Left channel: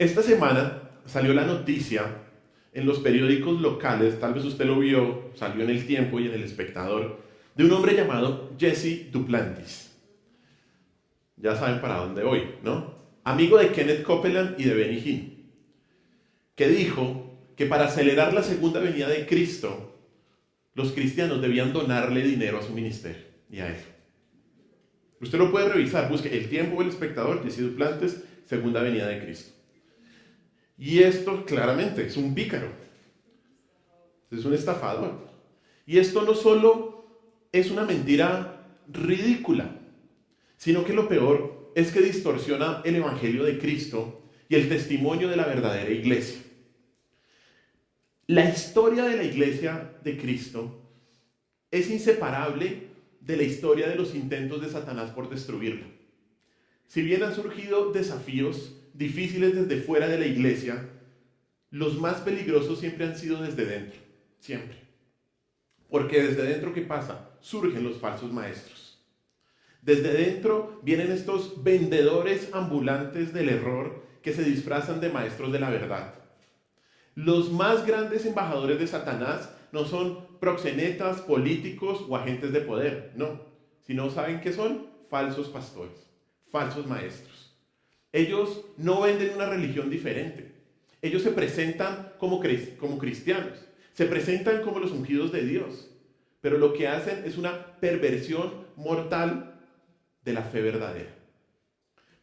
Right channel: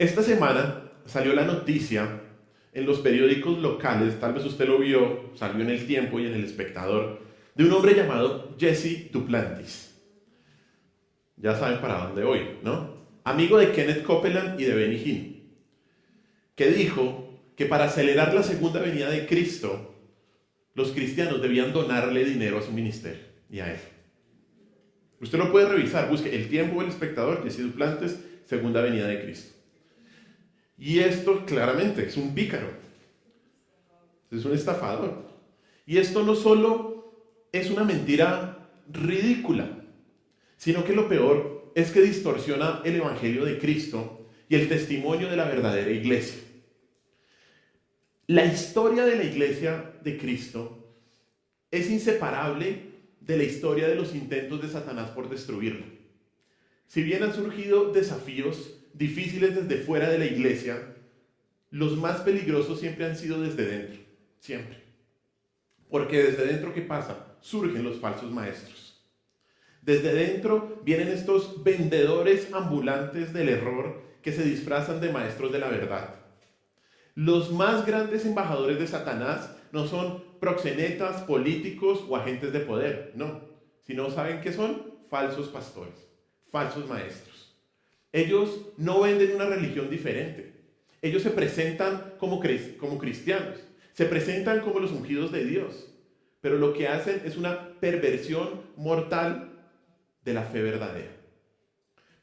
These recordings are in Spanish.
Esta semana salió la noticia en los periódicos locales, tal vez usted lo vio, salió en El Tiempo y en El Espectador, de un hombre llamado Jesse Duplantis. Ya saben para dónde voy, ¿no? Amigo de Kenneth Copeland y de Benny Hinn, que dijo que para acelerar la segunda venida de Cristo, los cristianos debían donarle dinero a su ministerio y a él. Usted lo puede revisar, busque El Tiempo o El Espectador, Jesse Duplantis, segunda venida de Cristo. Y esto claramente es un pícaro, es un estafador. Y esto no solo es una mentira ridícula, sino que lo peor es que distorsiona el evangelio de Cristo y el testimonio de la verdadera iglesia. La historia de la iglesia de Cristo es inseparable de la historia de los intentos de Satanás por destruirla. Si bien han surgido desafíos difíciles desde fuera de la iglesia, los más peligrosos siempre han sido desde dentro, siempre. Porque desde dentro, ¿qué pasa? Surgen los falsos maestros. Desde dentro vienen estos vendedores ambulantes del error que se disfrazan de maestros de la verdad. Los más grandes embajadores de Satanás no son proxenetas, políticos o agentes de poder, no. Sino, ¿saben qué son? Falsos pastores, falsos maestros. Ellos no venden una religión diferente. Ellos se presentan como cristianos, se presentan como los ungidos de Dios, pero lo que hacen es una perversión mortal de la fe verdadera.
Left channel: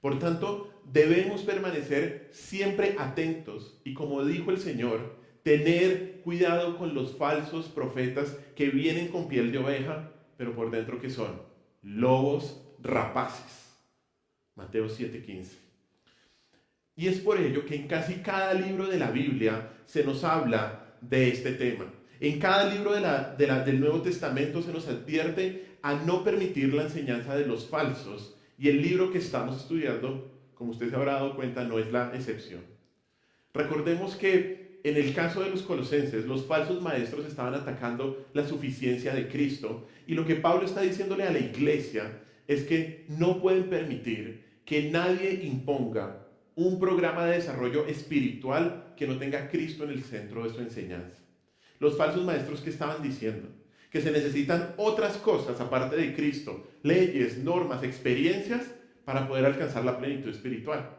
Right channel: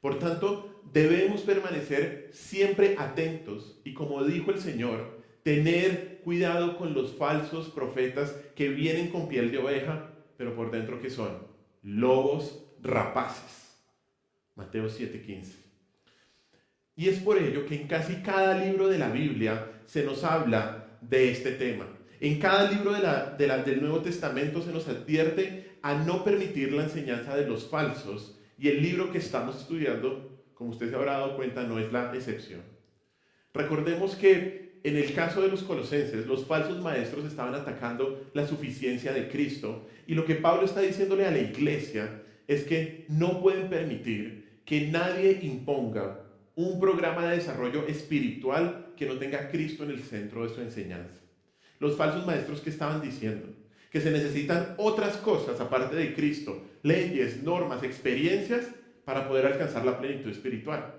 Por tanto, debemos permanecer siempre atentos y, como dijo el Señor, tener cuidado con los falsos profetas que vienen con piel de oveja, pero por dentro ¿qué son? Lobos rapaces. Mateo 7:15. Y es por ello que en casi cada libro de la Biblia se nos habla de este tema. En cada libro del Nuevo Testamento se nos advierte a no permitir la enseñanza de los falsos, y el libro que estamos estudiando, como usted se habrá dado cuenta, no es la excepción. Recordemos que en el caso de los colosenses, los falsos maestros estaban atacando la suficiencia de Cristo, y lo que Pablo está diciéndole a la iglesia es que no pueden permitir que nadie imponga un programa de desarrollo espiritual que no tenga a Cristo en el centro de su enseñanza. Los falsos maestros que estaban diciendo que se necesitan otras cosas aparte de Cristo, leyes, normas, experiencias para poder alcanzar la plenitud espiritual.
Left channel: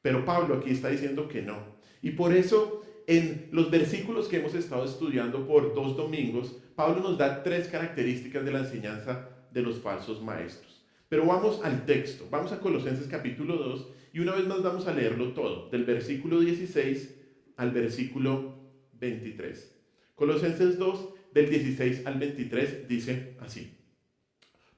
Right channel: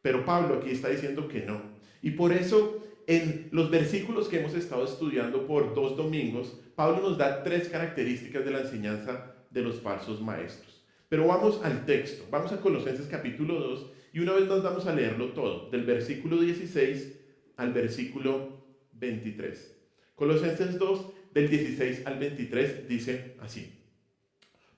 Pero Pablo aquí está diciendo que no. Y por eso en los versículos que hemos estado estudiando por 2 domingos, Pablo nos da 3 características de la enseñanza de los falsos maestros. Pero vamos al texto, vamos a Colosenses capítulo 2 y una vez más vamos a leerlo todo, del versículo 16 al versículo 23. Colosenses 2, del 16 al 23, dice así:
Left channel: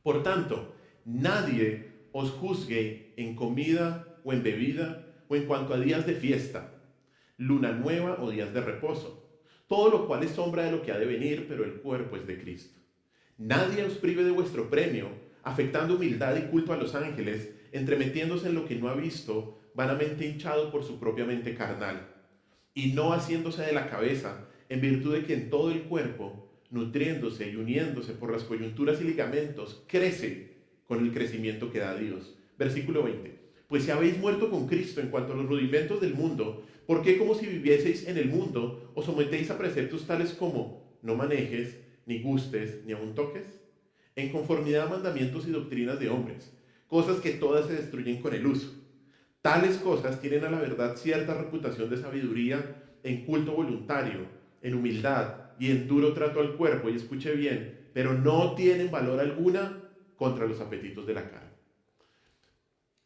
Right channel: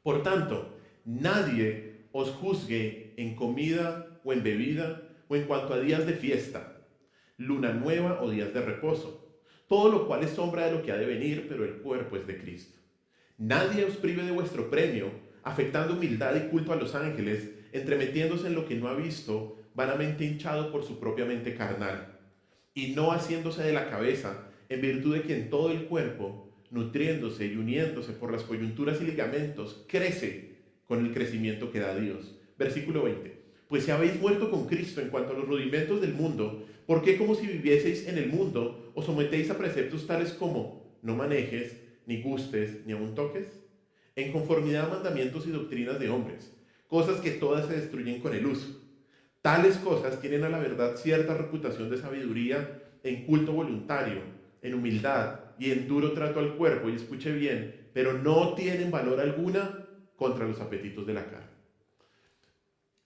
Por tanto, nadie os juzgue en comida o en bebida o en cuanto a días de fiesta, luna nueva o días de reposo, todo lo cual es sombra de lo que ha de venir, pero el cuerpo es de Cristo. Nadie os prive de vuestro premio, afectando humildad y culto a los ángeles, entremetiéndose en lo que no ha visto, vanamente hinchado por su propia mente carnal, y no haciéndose de la cabeza, en virtud de que en todo el cuerpo, nutriéndose y uniéndose por las coyunturas y ligamentos, crece con el crecimiento que da Dios. Versículo 20. Pues si habéis muerto con Cristo en cuanto a los rudimentos del mundo, ¿por qué como si vivieseis en el mundo os sometéis a preceptos tales como no manejes, ni gustes, ni aun toques? En conformidad a mandamientos y doctrinas de hombres, cosas que todas se destruyen con el uso. Tales cosas tienen a la verdad cierta reputación de sabiduría en culto voluntario, en humildad y en duro trato al cuerpo, y escuche bien, pero no tienen valor alguna contra los apetitos de la carne.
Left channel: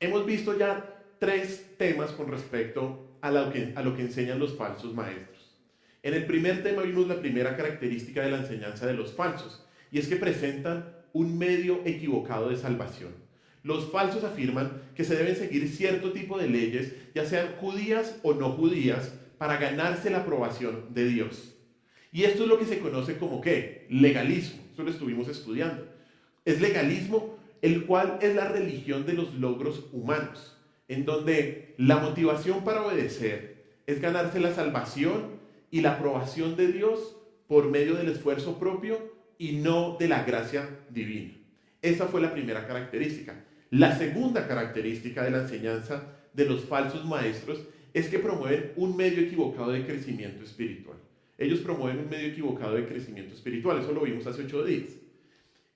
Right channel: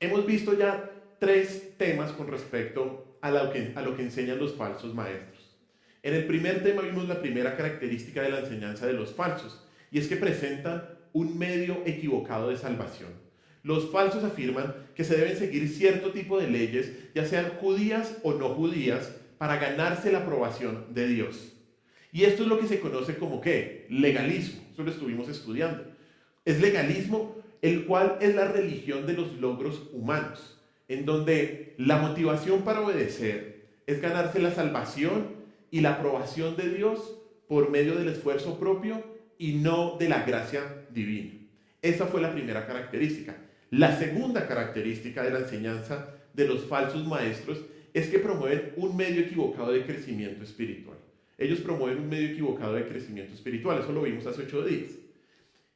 Hemos visto ya 3 temas con respecto a lo que enseñan los falsos maestros. En el primer tema vimos la primera característica de la enseñanza de los falsos, y es que presentan un medio equivocado de salvación. Los falsos afirman que se deben seguir cierto tipo de leyes, ya sean judías o no judías, para ganarse la aprobación de Dios. Y esto es lo que se conoce como ¿qué? Legalismo. Eso lo estuvimos estudiando. Es legalismo, el cual es la religión de los logros humanos, en donde la motivación para obedecer es ganarse la salvación y la aprobación de Dios por medio del esfuerzo propio y no de la gracia divina. Esa fue la primera característica. La segunda característica de la enseñanza de los falsos maestros es que promueven un medio equivocado de crecimiento espiritual. Ellos promueven un medio equivocado de crecimiento espiritual, eso lo vimos hace 8 días.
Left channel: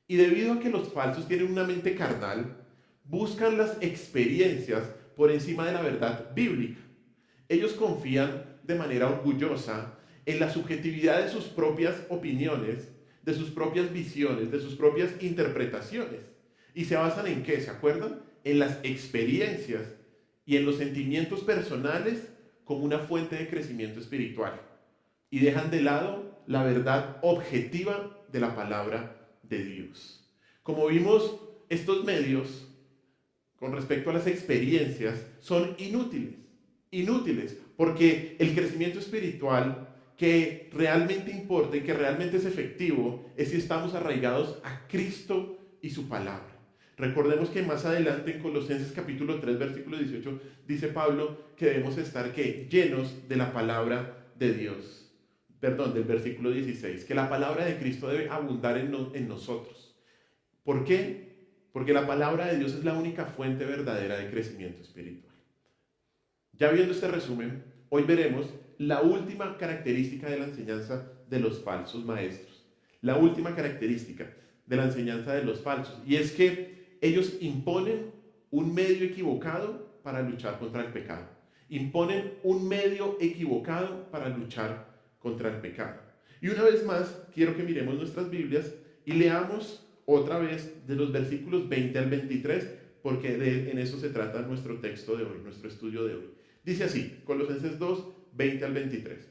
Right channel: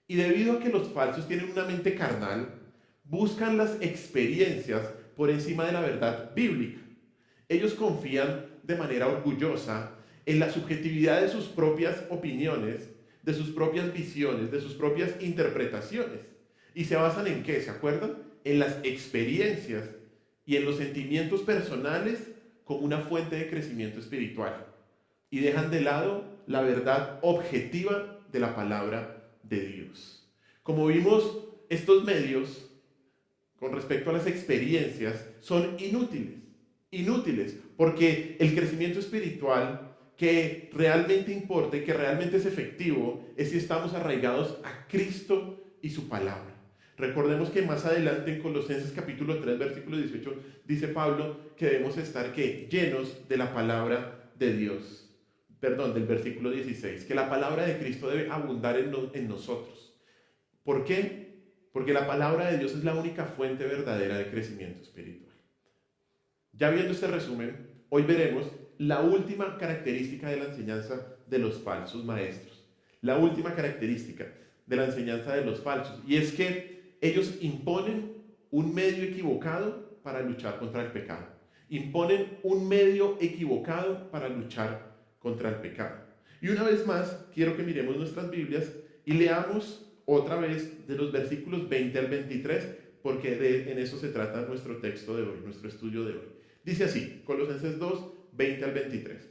Y debido a que los falsos tienen una mente carnal, buscan las experiencias por encima de la verdad bíblica. Ellos confían de manera orgullosa en la subjetividad de sus propias opiniones, de sus propias visiones, de sus propias interpretaciones. ¿Y se basan en qué? ¿Se acuerdan? En las experiencias y en los sentimientos personales como una fuente de crecimiento espiritual. Y dejan de lado la verdad objetiva de la palabra de Dios. Como vimos, estos medios, con respecto a las experiencias, son inútiles, porque el crecimiento espiritual que realmente importa y que realmente es efectivo es si estamos arraigados a Cristo y su palabra. Recordemos que más adelante en Colosenses capítulo 3, versículo 18, dice Pablo que debemos estar ¿qué? Llenos de la palabra de Dios. Perdón, del versículo 16, que la palabra de Cristo debe abundar en nosotros. ¿Por qué? Porque la palabra de Dios es la única fuente verdadera de crecimiento espiritual. Ya viendo este resumen, hoy veremos la última característica de la enseñanza de los falsos maestros. La última característica de la enseñanza de los falsos. Y es que ellos imponen un medio equivocado para luchar contra el pecado. Imponen un medio equivocado para luchar contra el pecado. Y una vez más, quiero que miremos nuestras Biblias y leamos otra vez de los versículos 20 al 23, porque en eso se trata nuestro texto de hoy, nuestro estudio de hoy. Dice así, Colosenses 2, 20 al 23.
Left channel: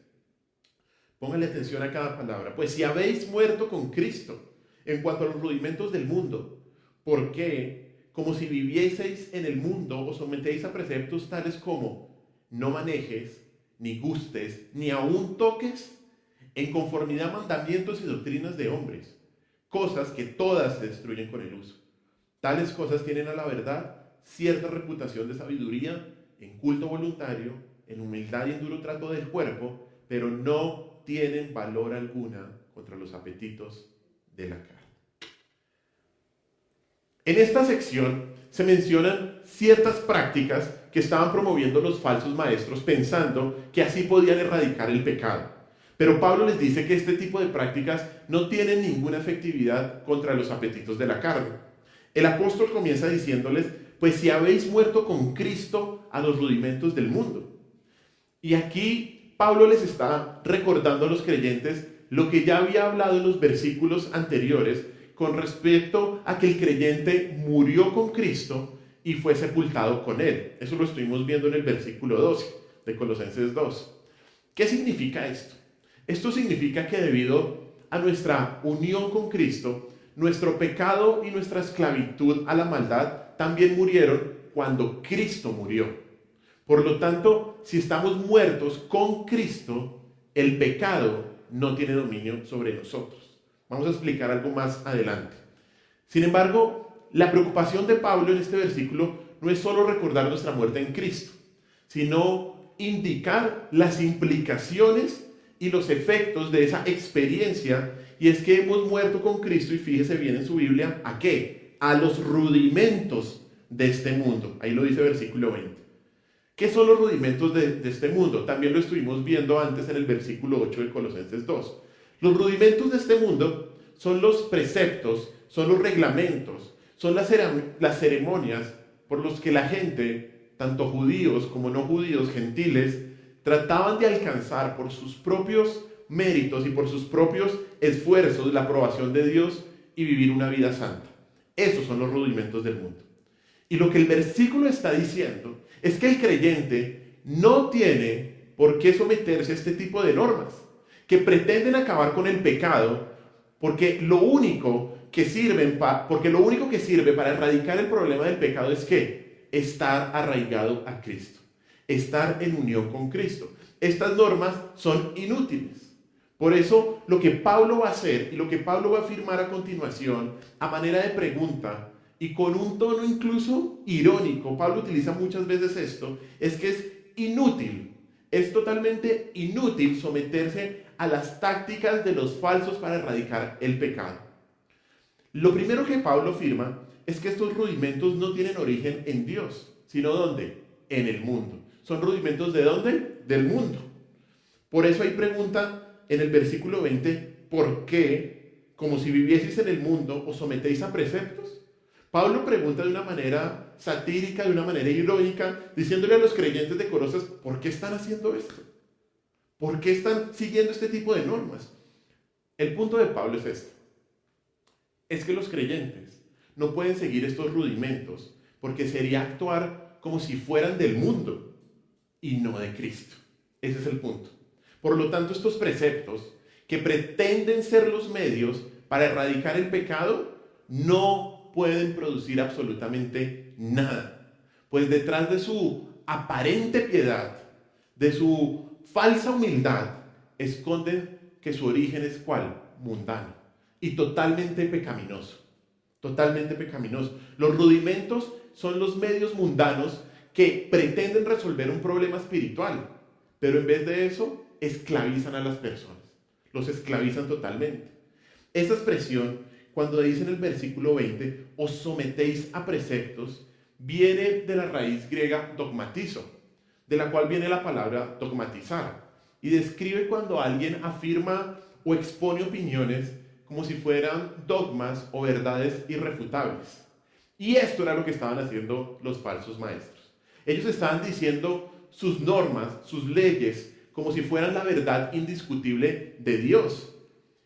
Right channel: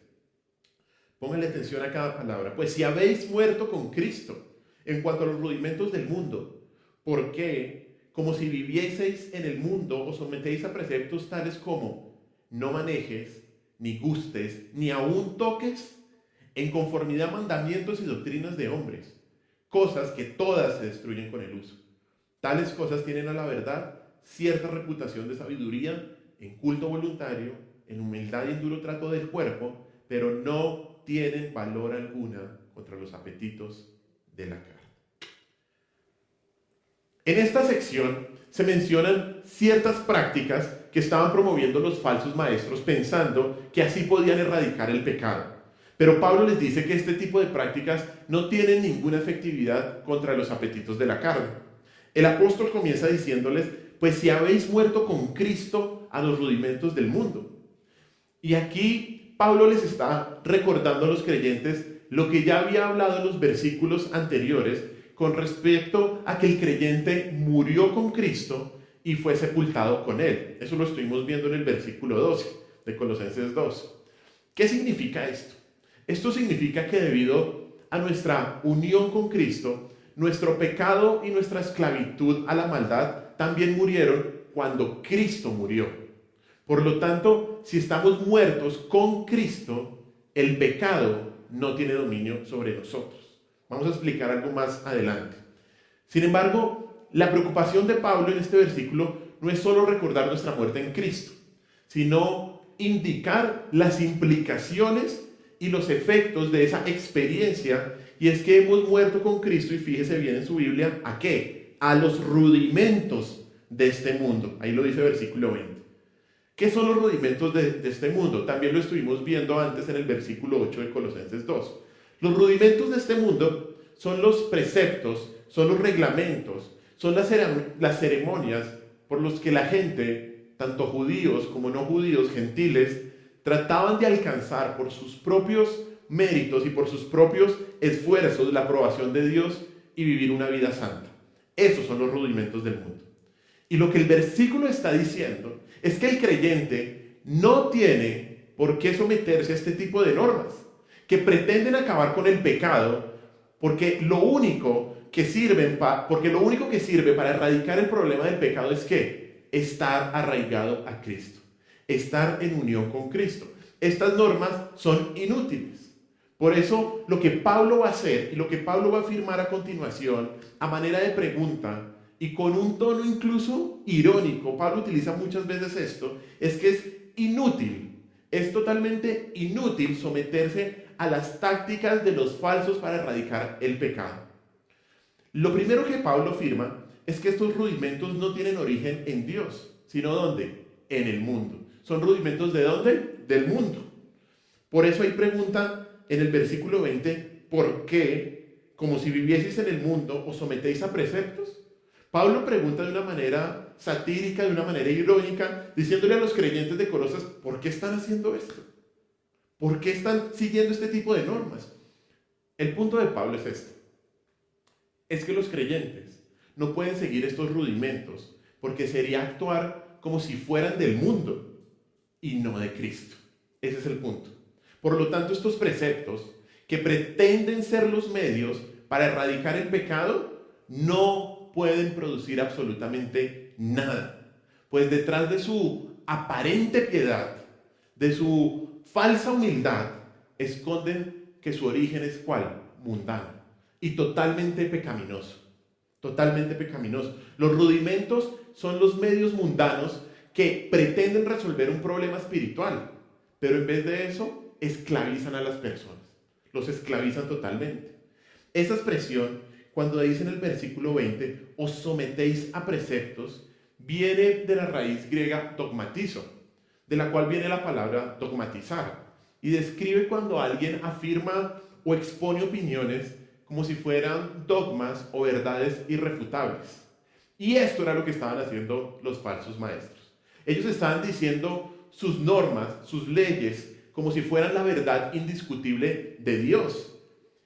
Pónganle atención a cada palabra. Pues si habéis muerto con Cristo en cuanto a los rudimentos del mundo, ¿por qué? Como si vivieseis en el mundo, os sometéis a preceptos tales como no manejes, ni gustes, ni aun toques, en conformidad a mandamientos y doctrinas de hombres, cosas que todas se destruyen con el uso. Tales cosas tienen a la verdad cierta reputación de sabiduría, en culto voluntario, en humildad y en duro trato del cuerpo, pero no tienen valor alguna contra los apetitos de la carne. En esta sección se mencionan ciertas prácticas que estaban promoviendo los falsos maestros pensando que así podían erradicar el pecado. Pero Pablo les dice que este tipo de prácticas no tienen ninguna efectividad contra los apetitos de la carne. El apóstol comienza diciéndoles, pues si habéis muerto con Cristo a los rudimentos del mundo. Y aquí Pablo les está recordando a los creyentes lo que ya había hablado en los versículos anteriores con respecto a que el creyente murió con Cristo y fue sepultado con él. Eso lo estuvimos viendo en el versículo 12 de Colosenses 2. ¿Qué significa esto? Esto significa que debido a nuestra unión con Cristo, nuestro pecado y nuestra esclavitud a la maldad también murieron cuando Cristo murió. Por lo tanto, si estamos muertos con Cristo, el pecado no tiene dominio sobre nosotros. Vamos a explicar algo más adelante. Sin embargo, la preocupación de Pablo en este versículo no es solo recordar nuestra muerte en Cristo, sino indicar las implicaciones y los efectos de esa experiencia, y es que hemos muerto con Cristo, y fíjese bien en su Biblia, ¿a qué? A los rudimentos de este mundo. Ahí lo dice versículo 20. ¿Qué son los rudimentos de este mundo? También lo estuvimos viendo antes en el versículo 8 de Colosenses 2. Los rudimentos de este mundo son los preceptos, son los reglamentos, son las ceremonias por los que la gente, tanto judíos como no judíos, gentiles, trataban de alcanzar por sus propios méritos y por sus propios esfuerzos la aprobación de Dios y vivir una vida santa. Esos son los rudimentos del mundo. Y lo que el versículo está diciendo es que el creyente no tiene por qué someterse a este tipo de normas que pretenden acabar con el pecado, porque lo único que sirve para erradicar el problema del pecado es ¿qué? Estar arraigado a Cristo, estar en unión con Cristo. Estas normas son inútiles. Por eso lo que Pablo va a hacer y lo que Pablo va a afirmar a continuación, a manera de pregunta y con un tono incluso irónico, Pablo utiliza muchas veces esto, es que es inútil, es totalmente inútil someterse a las tácticas de los falsos para erradicar el pecado. Lo primero que Pablo afirma es que estos rudimentos no tienen origen en Dios, sino ¿dónde? en el mundo. ¿Son rudimentos de dónde? Del mundo. Por eso hay pregunta en el versículo 20, ¿por qué, como si vivieseis en el mundo, os sometéis a preceptos? Pablo pregunta de una manera satírica, de una manera irónica, diciéndole a los creyentes de Colosas, ¿por qué están haciendo esto? ¿Por qué están siguiendo este tipo de normas? El punto de Pablo es este. Es que los creyentes no pueden seguir estos rudimentos porque sería actuar como si fueran del mundo y no de Cristo. Ese es el punto. Por lo tanto, estos preceptos que pretenden ser los medios para erradicar el pecado no pueden producir absolutamente nada. Pues detrás de su aparente piedad, de su falsa humildad, esconden que su origen es ¿cuál? Mundano y totalmente pecaminoso. Totalmente pecaminoso. Los rudimentos son los medios mundanos que pretenden resolver un problema espiritual, pero en vez de eso, esclavizan a las personas. Los esclavizan totalmente. Esa expresión, cuando dice en el versículo 20, os sometéis a preceptos, viene de la raíz griega dogmatizo, de la cual viene la palabra dogmatizar, y describe cuando alguien afirma o expone opiniones como si fueran dogmas o verdades irrefutables. Y esto era lo que estaban haciendo los falsos maestros. Ellos estaban diciendo sus normas, sus leyes, como si fueran la verdad indiscutible de Dios.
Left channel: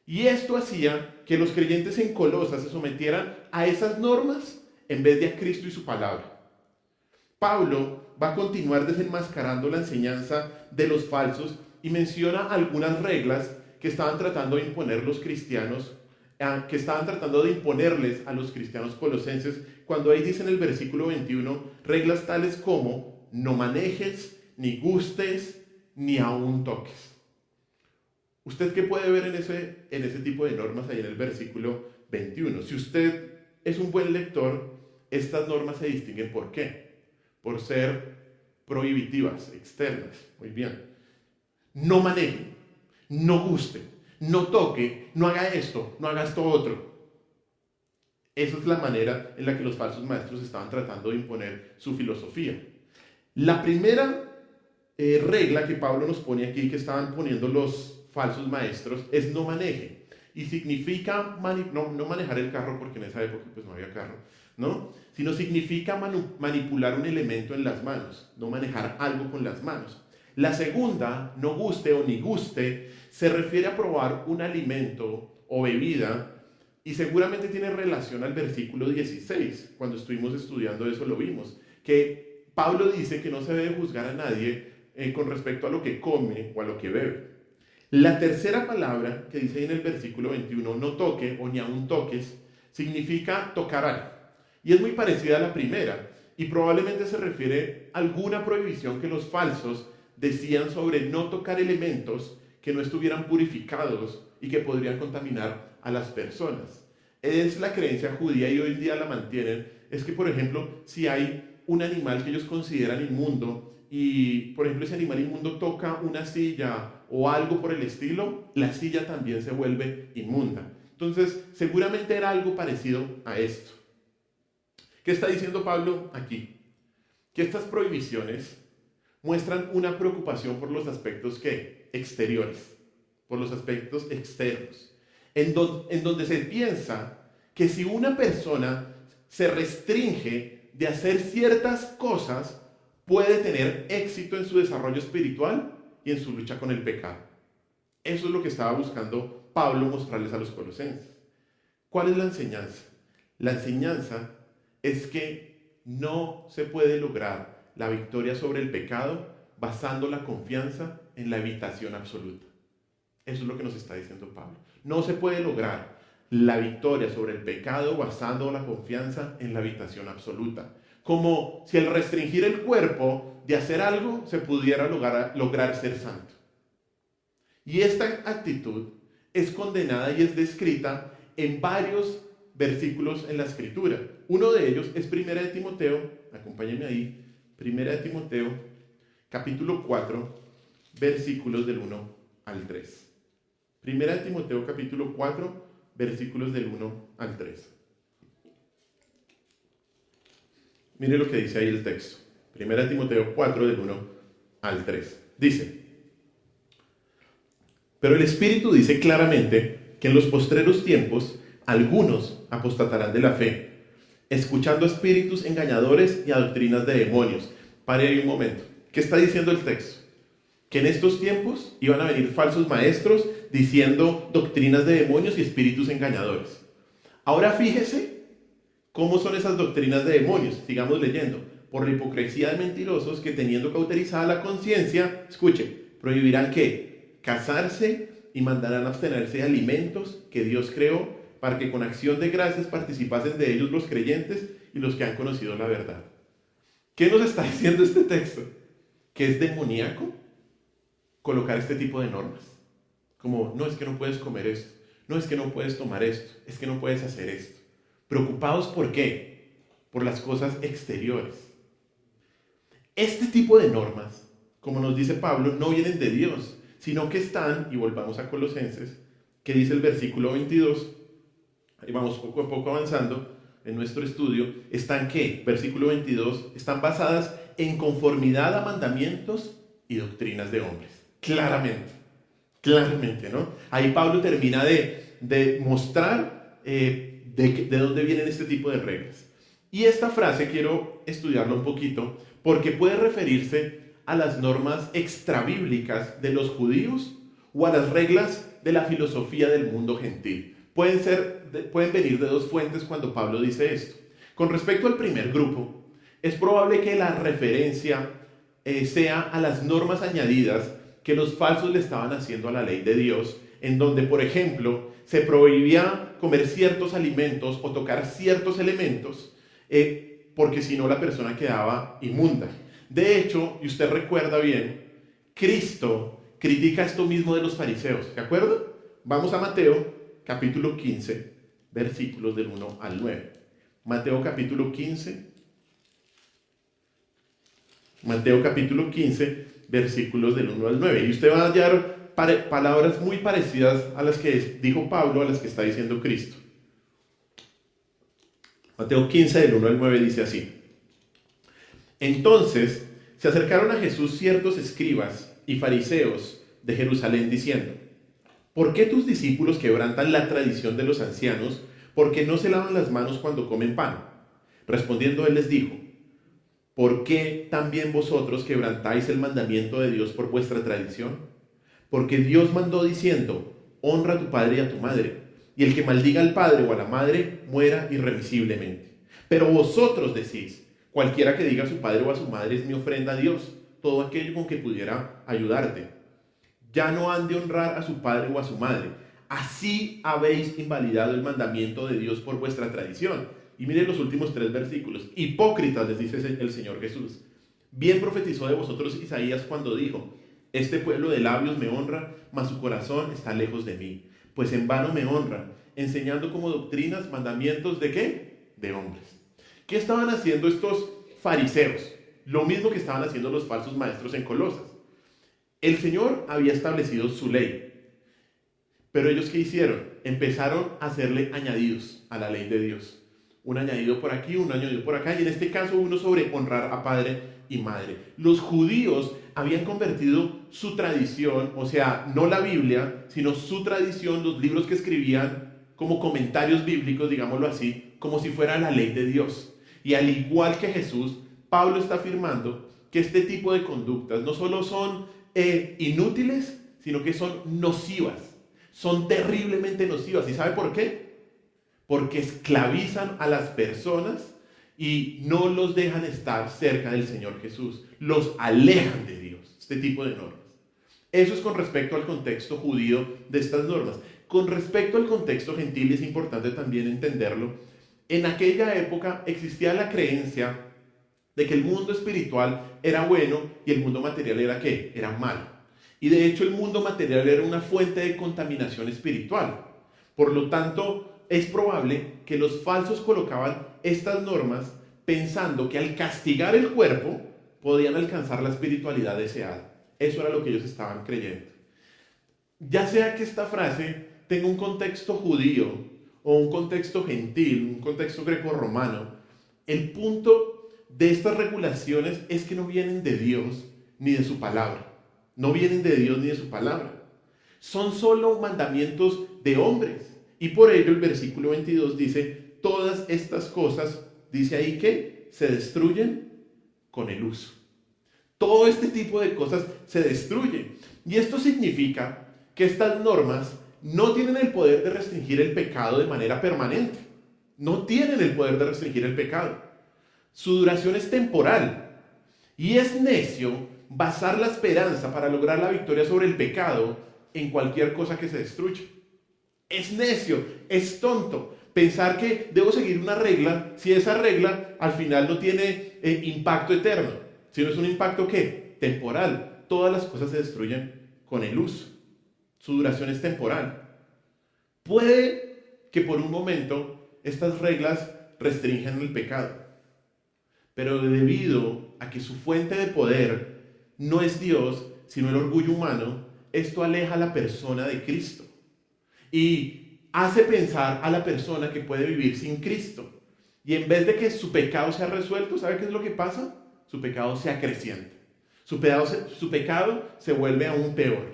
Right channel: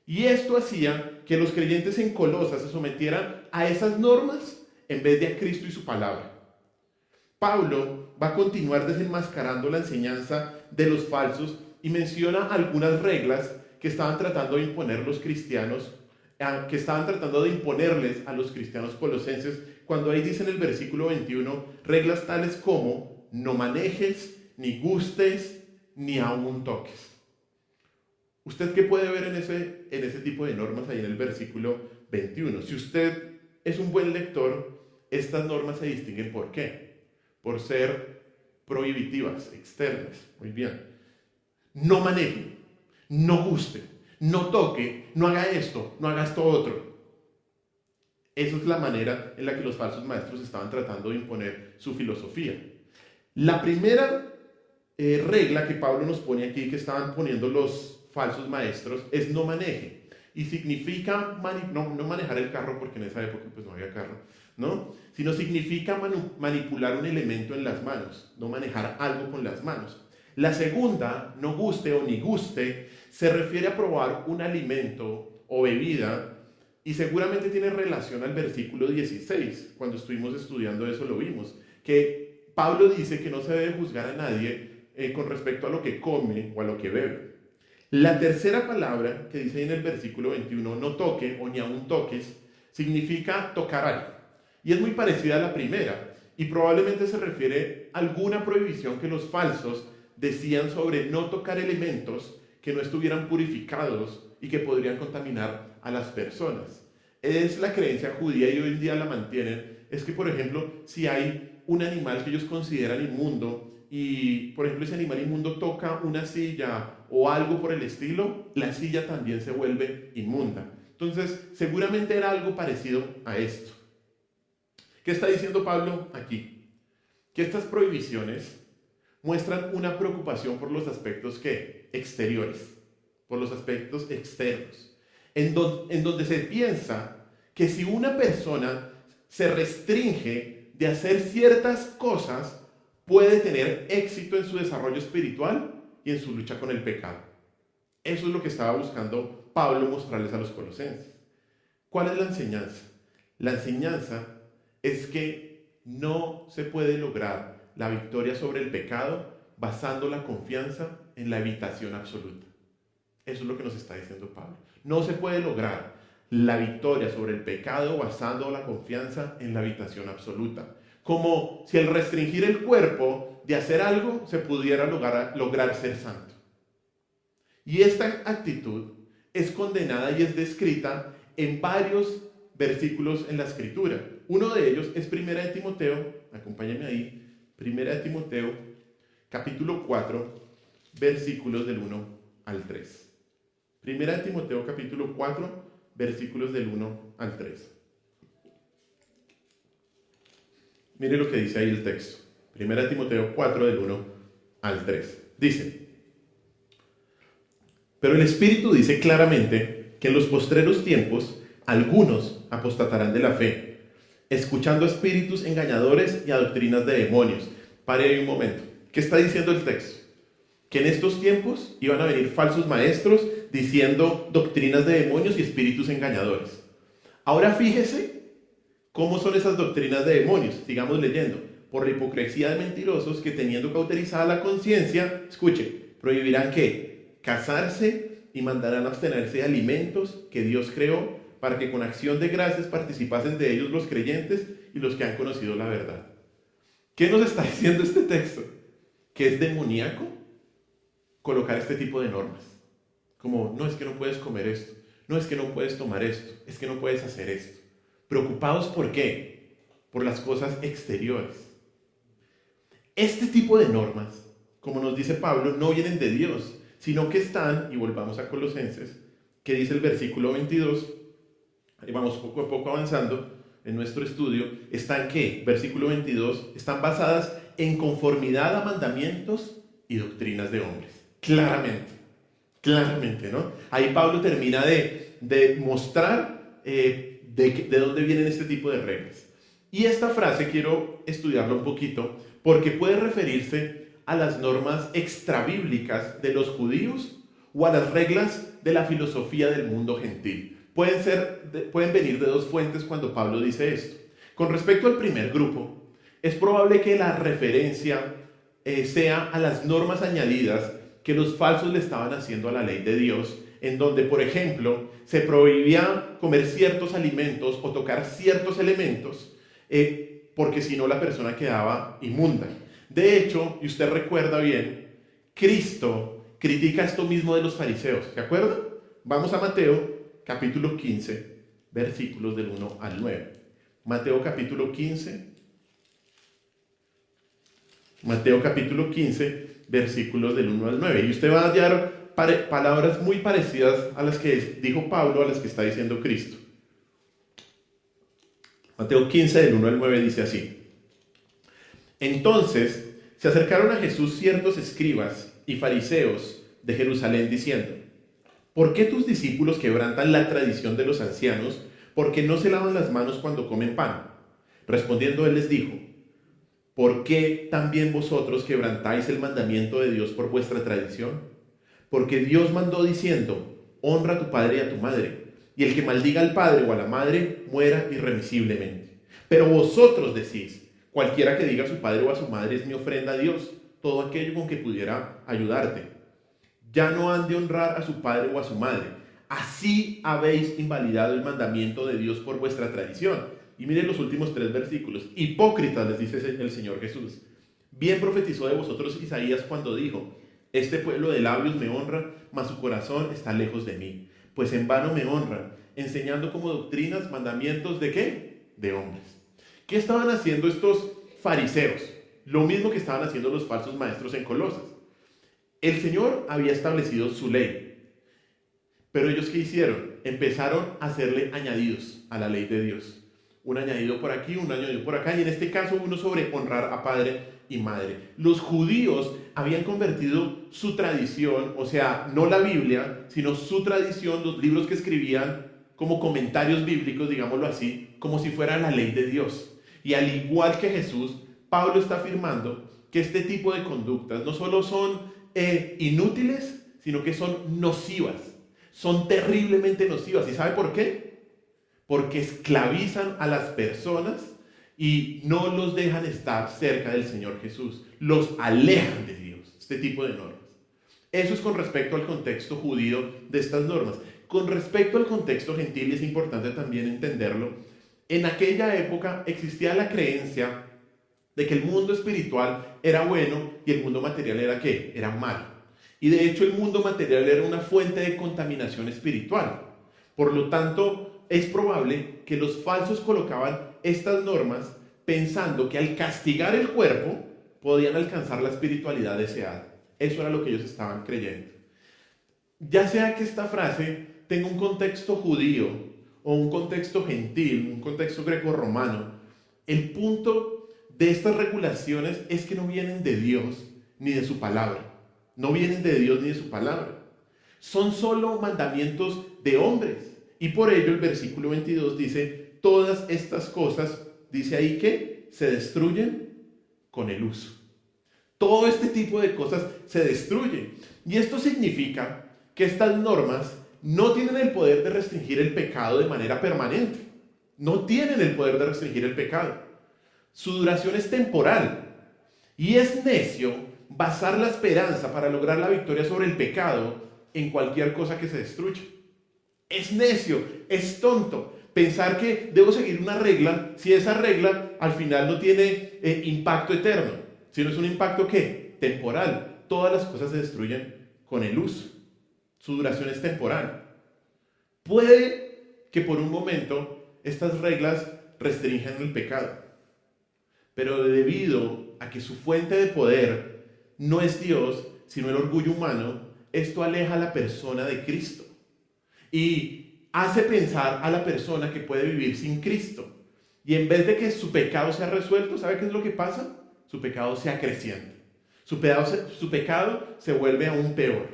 Y esto hacía que los creyentes en Colosas se sometieran a esas normas en vez de a Cristo y su palabra. Pablo va a continuar desenmascarando la enseñanza de los falsos y menciona algunas reglas que estaban tratando de imponer los cristianos, que estaban tratando de imponerles a los cristianos colosenses, cuando ahí dice en el versículo 21, reglas tales como no manejes, ni gustes, ni aún toques. ¿Usted qué puede ver en ese tipo de normas ahí en el versículo 21? Si usted es un buen lector, estas normas se distinguen ¿por qué? Por ser prohibitivas, externas. Muy bien. No maneje, no guste, no toque, no haga esto, no haga esto otro. Esa es la manera en la que los falsos maestros estaban tratando de imponer su filosofía. La primera regla que Pablo nos pone aquí, que estaban poniendo los falsos maestros, es no maneje. Y significa no manejar el carro, porque en esa época pues no había carro, ¿no? Sino significa manipular un elemento en las manos, no manejar algo con las manos. La segunda, no guste o ni guste, se refiere a probar un alimento o bebida y seguramente tiene relación al versículo 16. Cuando estuvimos estudiando eso lo vimos, que Pablo dice que no se debe juzgar a nadie con respecto a lo que come o a lo que bebe. La tercera palabra que dice en el versículo 21, no toque o ni aun toques, significa tocar algo. Y es muy parecida a la primera y probablemente se refiere a alguna prohibición que los falsos decían sobre no tocar elementos que no estuvieran purificados y que podrían contaminar a las personas. Es la creencia judía y hoy en día la mantienen, es que por ejemplo, si hay un animal que ellos consideran inmundo y por ejemplo ese animal inmundo toca una silla o algo por el estilo, la silla también se vuelve inmunda. Entonces seguramente era algo parecido a esto. ¿Qué está diciendo Pablo aquí? Que estas prohibiciones muestran una preocupación por los aspectos exteriores, por los aspectos externos, en donde se piensa que si una persona se restringe de hacer ciertas cosas, puede tener éxito en su desarrollo espiritual y en su lucha con el pecado. Eso es lo que estaba buscando Pablo mostrarles a los colosenses. ¿Cuál es la enseñanza? La enseñanza es que no se puede lograr la victoria sobre el pecado basando la confianza en la evitación absoluta. Eso es lo que nos está diciendo Pablo. No se puede lograr la victoria sobre el pecado basando la confianza en la evitación absoluta. Como si al restringir el cuerpo de hacer algo se pudiera lograr ser santo. Y esta actitud es condenada y es descrita en varios versículos en la Escritura. Uno de ellos es 1 de Timoteo, acompáñenme ahí, 1 de Timoteo, capítulo 4, versículos del 1 al 3. 1 de Timoteo, capítulo 4, versículos del 1 al 3. Mire lo que dice ahí el texto. Primera Timoteo 4, del 1 al 3. Dice: pero el Espíritu dice claramente que en los postreros tiempos algunos apostatarán de la fe, escuchando a espíritus engañadores y a doctrinas de demonios. Pare ahí un momento. ¿Qué está diciendo el texto? Que en estos tiempos iban a venir falsos maestros diciendo doctrinas de demonios y espíritus engañadores. Ahora fíjese cómo son esas doctrinas de demonios. Sigamos leyendo. Por la hipocresía de mentirosos que, teniendo cauterizada la conciencia, escuche, prohibirán ¿qué? Casarse y mandarán abstenerse de alimentos que Dios creó para que con acción de gracias participasen de ellos los creyentes y los que han conocido la verdad. ¿Qué nos está diciendo este texto? Que es demoníaco colocar este tipo de normas. Como, no, es que no puedes comer esto, no, es que no puedes tomar esto, es que no puedes hacer esto. Preocupados ¿por qué? Por las cosas exteriores. Este tipo de normas, como nos dice Pablo, no vienen de Dios, sino que están, y volvamos a Colosenses, que dice el versículo 22, ahí vamos poco a poco avanzando en nuestro estudio, están ¿qué? Versículo 22, están basadas en conformidad a mandamientos y doctrinas de hombres. Claramente, ¿no? Ahí Pablo termina de mostrar de dónde vienen este tipo de reglas. Y esta frase quiero estudiarla un poquito porque puede referirse a las normas extrabíblicas de los judíos o a las reglas de la filosofía del mundo gentil. Pueden venir de dos fuentes cuando Pablo dice esto. Con respecto al primer grupo, es probable que la referencia sea a las normas añadidas que los falsos le estaban haciendo a la ley de Dios, en donde, por ejemplo, se prohibía comer ciertos alimentos o tocar ciertos elementos, porque si no la persona quedaba inmunda. De hecho, y usted recuerda bien, Cristo critica esto mismo de los fariseos, ¿se acuerdan? Vamos a Mateo capítulo 15, versículos del 1 al 9. Mateo capítulo 15, versículos del 1 al 9. Y usted va a hallar palabras muy parecidas a las que dijo Pablo, a las que está diciendo Cristo. Mateo 15, del 1 al 9 dice así: entonces se acercaron a Jesús ciertos escribas y fariseos de Jerusalén diciendo: ¿por qué tus discípulos quebrantan la tradición de los ancianos porque no se lavan las manos cuando comen pan? Respondiendo él les dijo: ¿por qué también vosotros quebrantáis el mandamiento de Dios por vuestra tradición? Porque Dios mandó diciendo: honra a tu padre y a tu madre, y el que maldiga al padre o a la madre muera irremisiblemente. Pero vosotros decís: cualquiera que diga a su padre o a su madre es mi ofrenda a Dios, todo aquello con que pudiera ayudarte. Ya no han de honrar a su padre o a su madre. Así habéis invalidado el mandamiento de Dios por vuestra tradición. Y miren los últimos 3 versículos. Hipócritas, les dice el Señor Jesús. Bien profetizó de vosotros Isaías cuando dijo: este pueblo de labios me honra, mas su corazón está lejos de mí. Pues en vano me honran, enseñando como doctrinas mandamientos ¿de qué? De hombres. ¿Qué estaban haciendo estos fariseos? Lo mismo que estaban haciendo los falsos maestros en Colosas. El Señor había establecido su ley, pero ellos ¿qué hicieron? Empezaron a hacerle añadidos a la ley de Dios. Un añadido por aquí, un añadido por acá, y en este caso uno sobre honrar a padre y madre. Los judíos habían convertido su tradición, o sea, no la Biblia, sino su tradición, los libros que escribían como comentarios bíblicos, digámoslo así, como si fuera la ley de Dios. Y al igual que Jesús, Pablo está afirmando que este tipo de conductas no solo son inútiles, sino que son nocivas, son terriblemente nocivas. ¿Y sabe por qué? Porque esclavizan a las personas y no los dejan estar cerca del Señor Jesús, los alejan de Dios, este tipo de normas. Eso es con respecto al contexto judío de estas normas. Con respecto al contexto gentil, y es importante también entenderlo, en aquella época existía la creencia de que el mundo espiritual era bueno y el mundo material era ¿qué? Era malo. Y de hecho el mundo material era una fuente de contaminación espiritual. Por lo tanto, es probable que los falsos colocaban estas normas pensando que al castigar el cuerpo podían alcanzar la espiritualidad deseada. Eso era lo que ellos estaban creyendo. Ya sea que esta frase tenga un contexto judío o un contexto gentil, un contexto grecorromano, el punto de estas regulaciones es que no vienen de Dios ni de su palabra. No vienen de Dios ni de su palabra. Son solo mandamientos de hombres. Y por ello el versículo 22 dice, todas estas cosas, dice ahí que se destruyen con el uso. Todo este tipo de cosas se destruyen. Y esto significa que estas normas no tienen el poder de restringir el pecado de manera permanente. No tienen el poder de restringir el pecado. Su duración es temporal. Y es necio basar la esperanza para lograr la victoria sobre el pecado en cualquier cosa que se destruya. Es necio, es tonto pensar que debo seguir una regla si esa regla al final no tiene impacto eterno, sino es un impacto ¿qué? Temporal. Todas las cosas se destruyen con el uso. Su duración es temporal. Puede que por un momento estas reglas restrinjan el pecado, pero debido a que su fuente de poder no es Dios, sino el orgullo humano, esto aleja a la persona de Cristo y hace pensar a la persona que puede vivir sin Cristo. Y en vez de que su pecado sea resuelto, ¿sabe qué es lo que pasa? Su pecado se acrecienta. Su pecado se vuelve aún peor.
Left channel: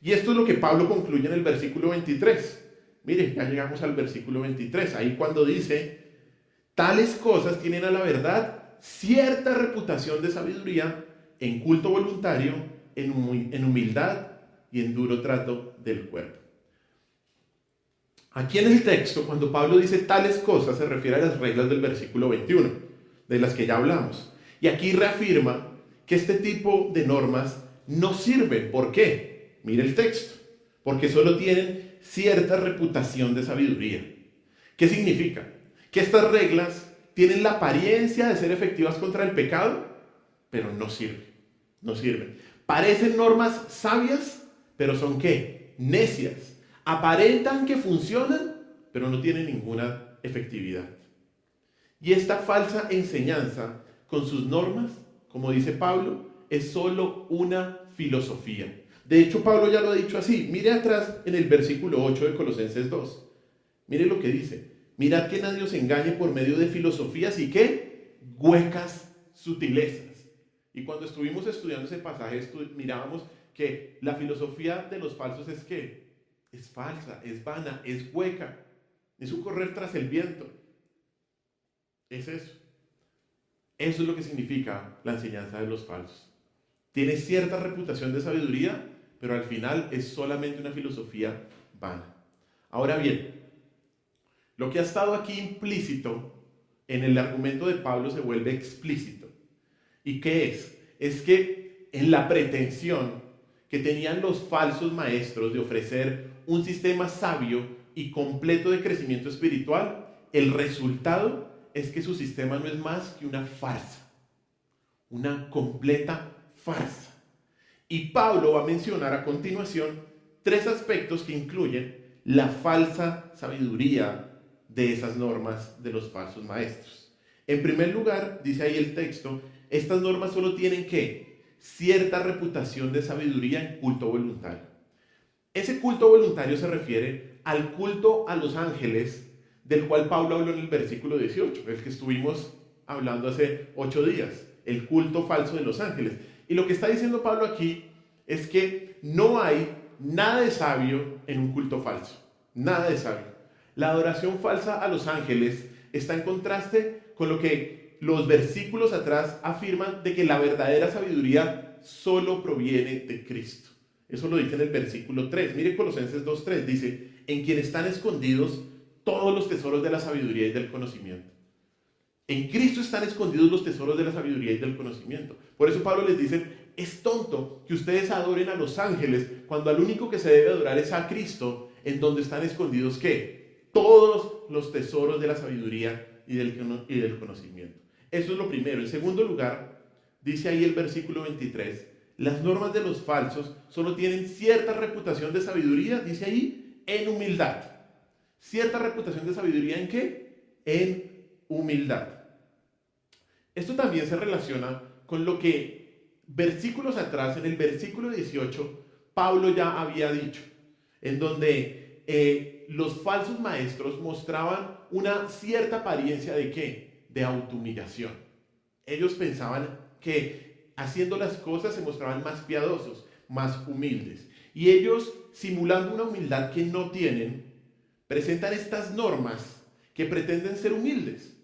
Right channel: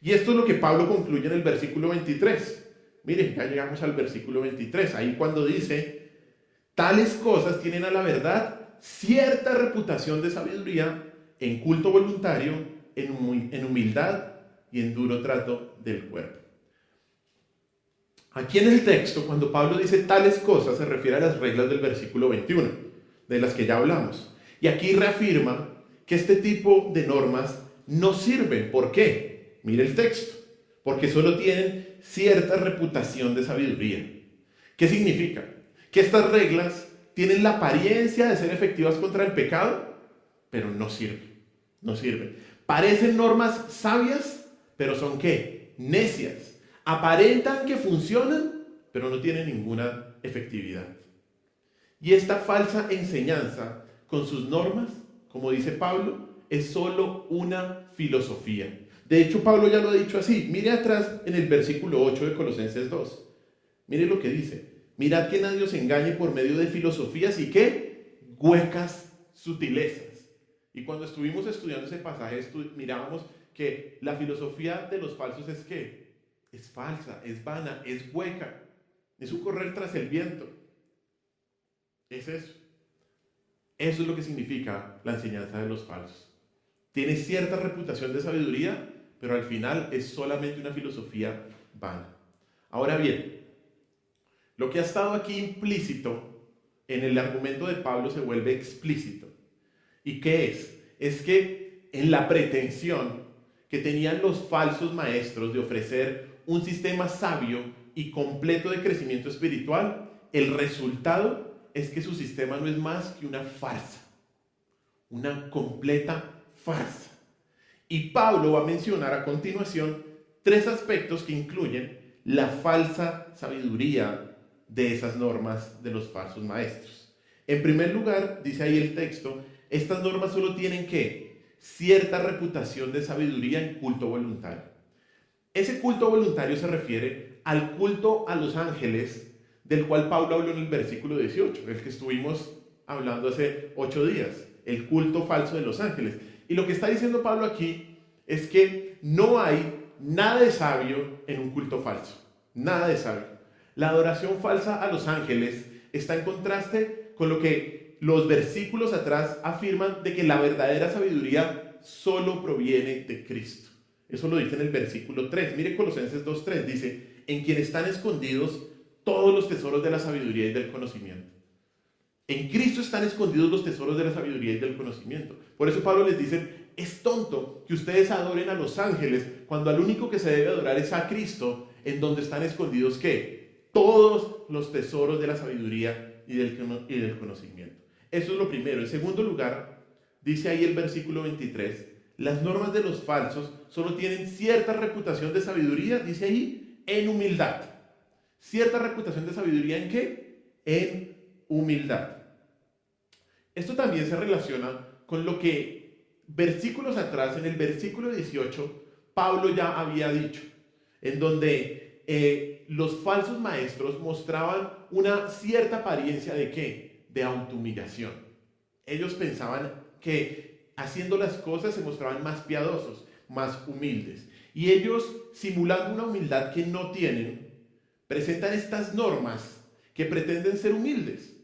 Y esto es lo que Pablo concluye en el versículo 23. Miren, ya llegamos al versículo 23. Ahí cuando dice, tales cosas tienen a la verdad cierta reputación de sabiduría, en culto voluntario, en humildad y en duro trato del cuerpo. Aquí en el texto, cuando Pablo dice tales cosas, se refiere a las reglas del versículo 21, de las que ya hablamos. Y aquí reafirma que este tipo de normas no sirven. ¿Por qué? Mire el texto. Porque solo tienen cierta reputación de sabiduría. ¿Qué significa? Que estas reglas tienen la apariencia de ser efectivas contra el pecado, pero no sirven. No sirven. Parecen normas sabias, pero son ¿qué? Necias. Aparentan que funcionan, pero no tienen ninguna efectividad. Y esta falsa enseñanza con sus normas, como dice Pablo, es solo una filosofía. De hecho, Pablo ya lo ha dicho así. Mire atrás en el versículo 8 de Colosenses 2. Mire lo que dice. Mirad que nadie os engañe por medio de filosofías y ¿qué? Huecas sutilezas. Y cuando estuvimos estudiando ese pasaje, mirábamos que la filosofía de los falsos es ¿qué? Es falsa, es vana, es hueca. Es un correr tras el viento. Es eso. Eso es lo que significa la enseñanza de los falsos. Tiene cierta reputación de sabiduría, pero al final es solamente una filosofía vana. Ahora bien, lo que ha estado aquí implícito en el argumento de Pablo se vuelve explícito. ¿Y qué es? Es que en la pretensión que tenían los falsos maestros de ofrecer un sistema sabio y completo de crecimiento espiritual, el resultado es que su sistema no es más que una farsa, una completa farsa. Y Pablo va a mencionar a continuación 3 aspectos que incluyen la falsa sabiduría de esas normas de los falsos maestros. En primer lugar, dice ahí el texto, estas normas solo tienen ¿qué? Cierta reputación de sabiduría en culto voluntario. Ese culto voluntario se refiere al culto a los ángeles, del cual Pablo habló en el versículo 18, el que estuvimos hablando hace 8 días, el culto falso de los ángeles. Y lo que está diciendo Pablo aquí es que no hay nada de sabio en un culto falso, nada de sabio. La adoración falsa a los ángeles está en contraste con lo que los versículos atrás afirman de que la verdadera sabiduría solo proviene de Cristo. Eso lo dice en el versículo 3. Mire Colosenses 2:3, dice, en quien están escondidos todos los tesoros de la sabiduría y del conocimiento. En Cristo están escondidos los tesoros de la sabiduría y del conocimiento. Por eso Pablo les dice, es tonto que ustedes adoren a los ángeles cuando al único que se debe adorar es a Cristo, en donde están escondidos ¿qué? Todos los tesoros de la sabiduría y del conocimiento. Eso es lo primero. En segundo lugar, dice ahí el versículo 23, las normas de los falsos solo tienen cierta reputación de sabiduría, dice ahí, en humildad. ¿Cierta reputación de sabiduría en qué? En humildad. Esto también se relaciona con lo que versículos atrás, en el versículo 18, Pablo ya había dicho, en donde los falsos maestros mostraban una cierta apariencia de ¿qué? De autohumillación. Ellos pensaban que haciendo las cosas se mostraban más piadosos, más humildes. Y ellos, simulando una humildad que no tienen, presentan estas normas que pretenden ser humildes.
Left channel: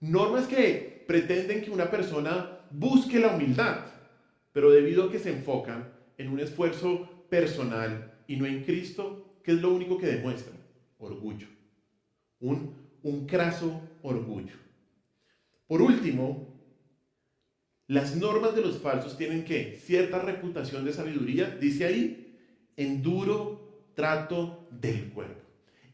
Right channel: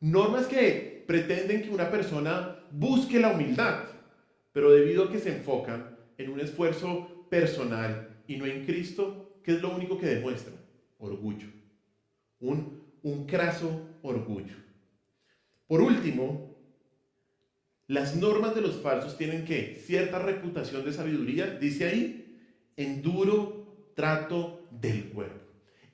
Normas que pretenden que una persona busque la humildad, pero debido a que se enfocan en un esfuerzo personal y no en Cristo, ¿qué es lo único que demuestra? Orgullo. Un craso orgullo. Por último, las normas de los falsos tienen que cierta reputación de sabiduría, dice ahí, en duro trato del cuerpo.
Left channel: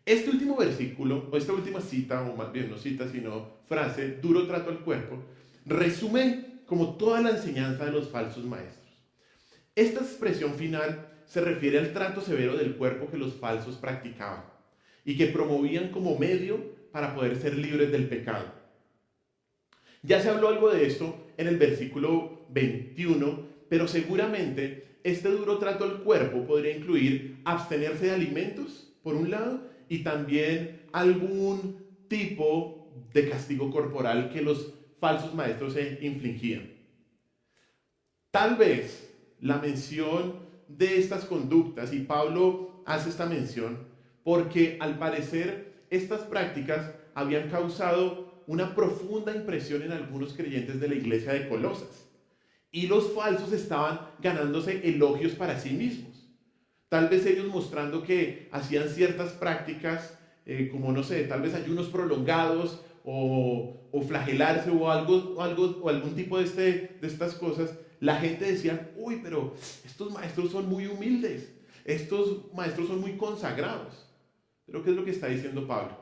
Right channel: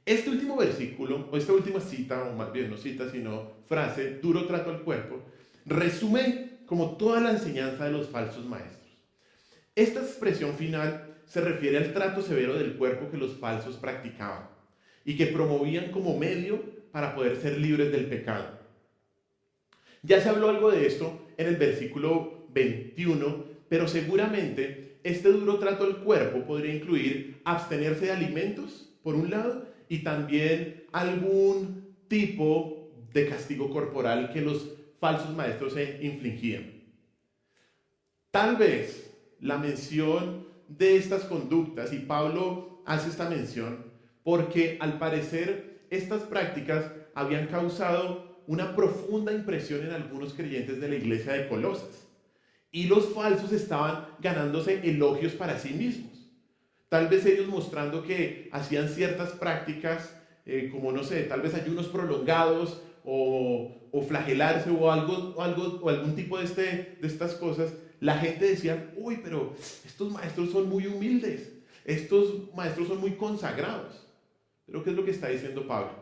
Este último versículo, o esta última cita, o más bien no cita, sino frase, duro trato al cuerpo, resume como toda la enseñanza de los falsos maestros. Esta expresión final se refiere al trato severo del cuerpo que los falsos practicaban y que promovían como medio para poder ser libres del pecado. Ya se habló algo de esto en el versículo 21, pero seguramente este duro trato al cuerpo podría incluir abstenerse de alimentos, por un lado, y también algún tipo de castigo corporal que los falsos maestros se infligían. Tal vez la mención de estas conductas, y Pablo hace esta mención, porque al parecer estas prácticas habían causado una profunda impresión en algunos creyentes de la iglesia de Colosas. Y los falsos estaban ganándose elogios para sí mismos. Tal vez ellos mostrando que hacían ciertas prácticas, como no sé, tal vez ayunos prolongados o flagelarse o algún tipo de estas cosas. La gente decía, uy, pero estos maestros son muy humildes, estos maestros son muy consagrados. Pero ¿qué es lo que está diciendo Pablo?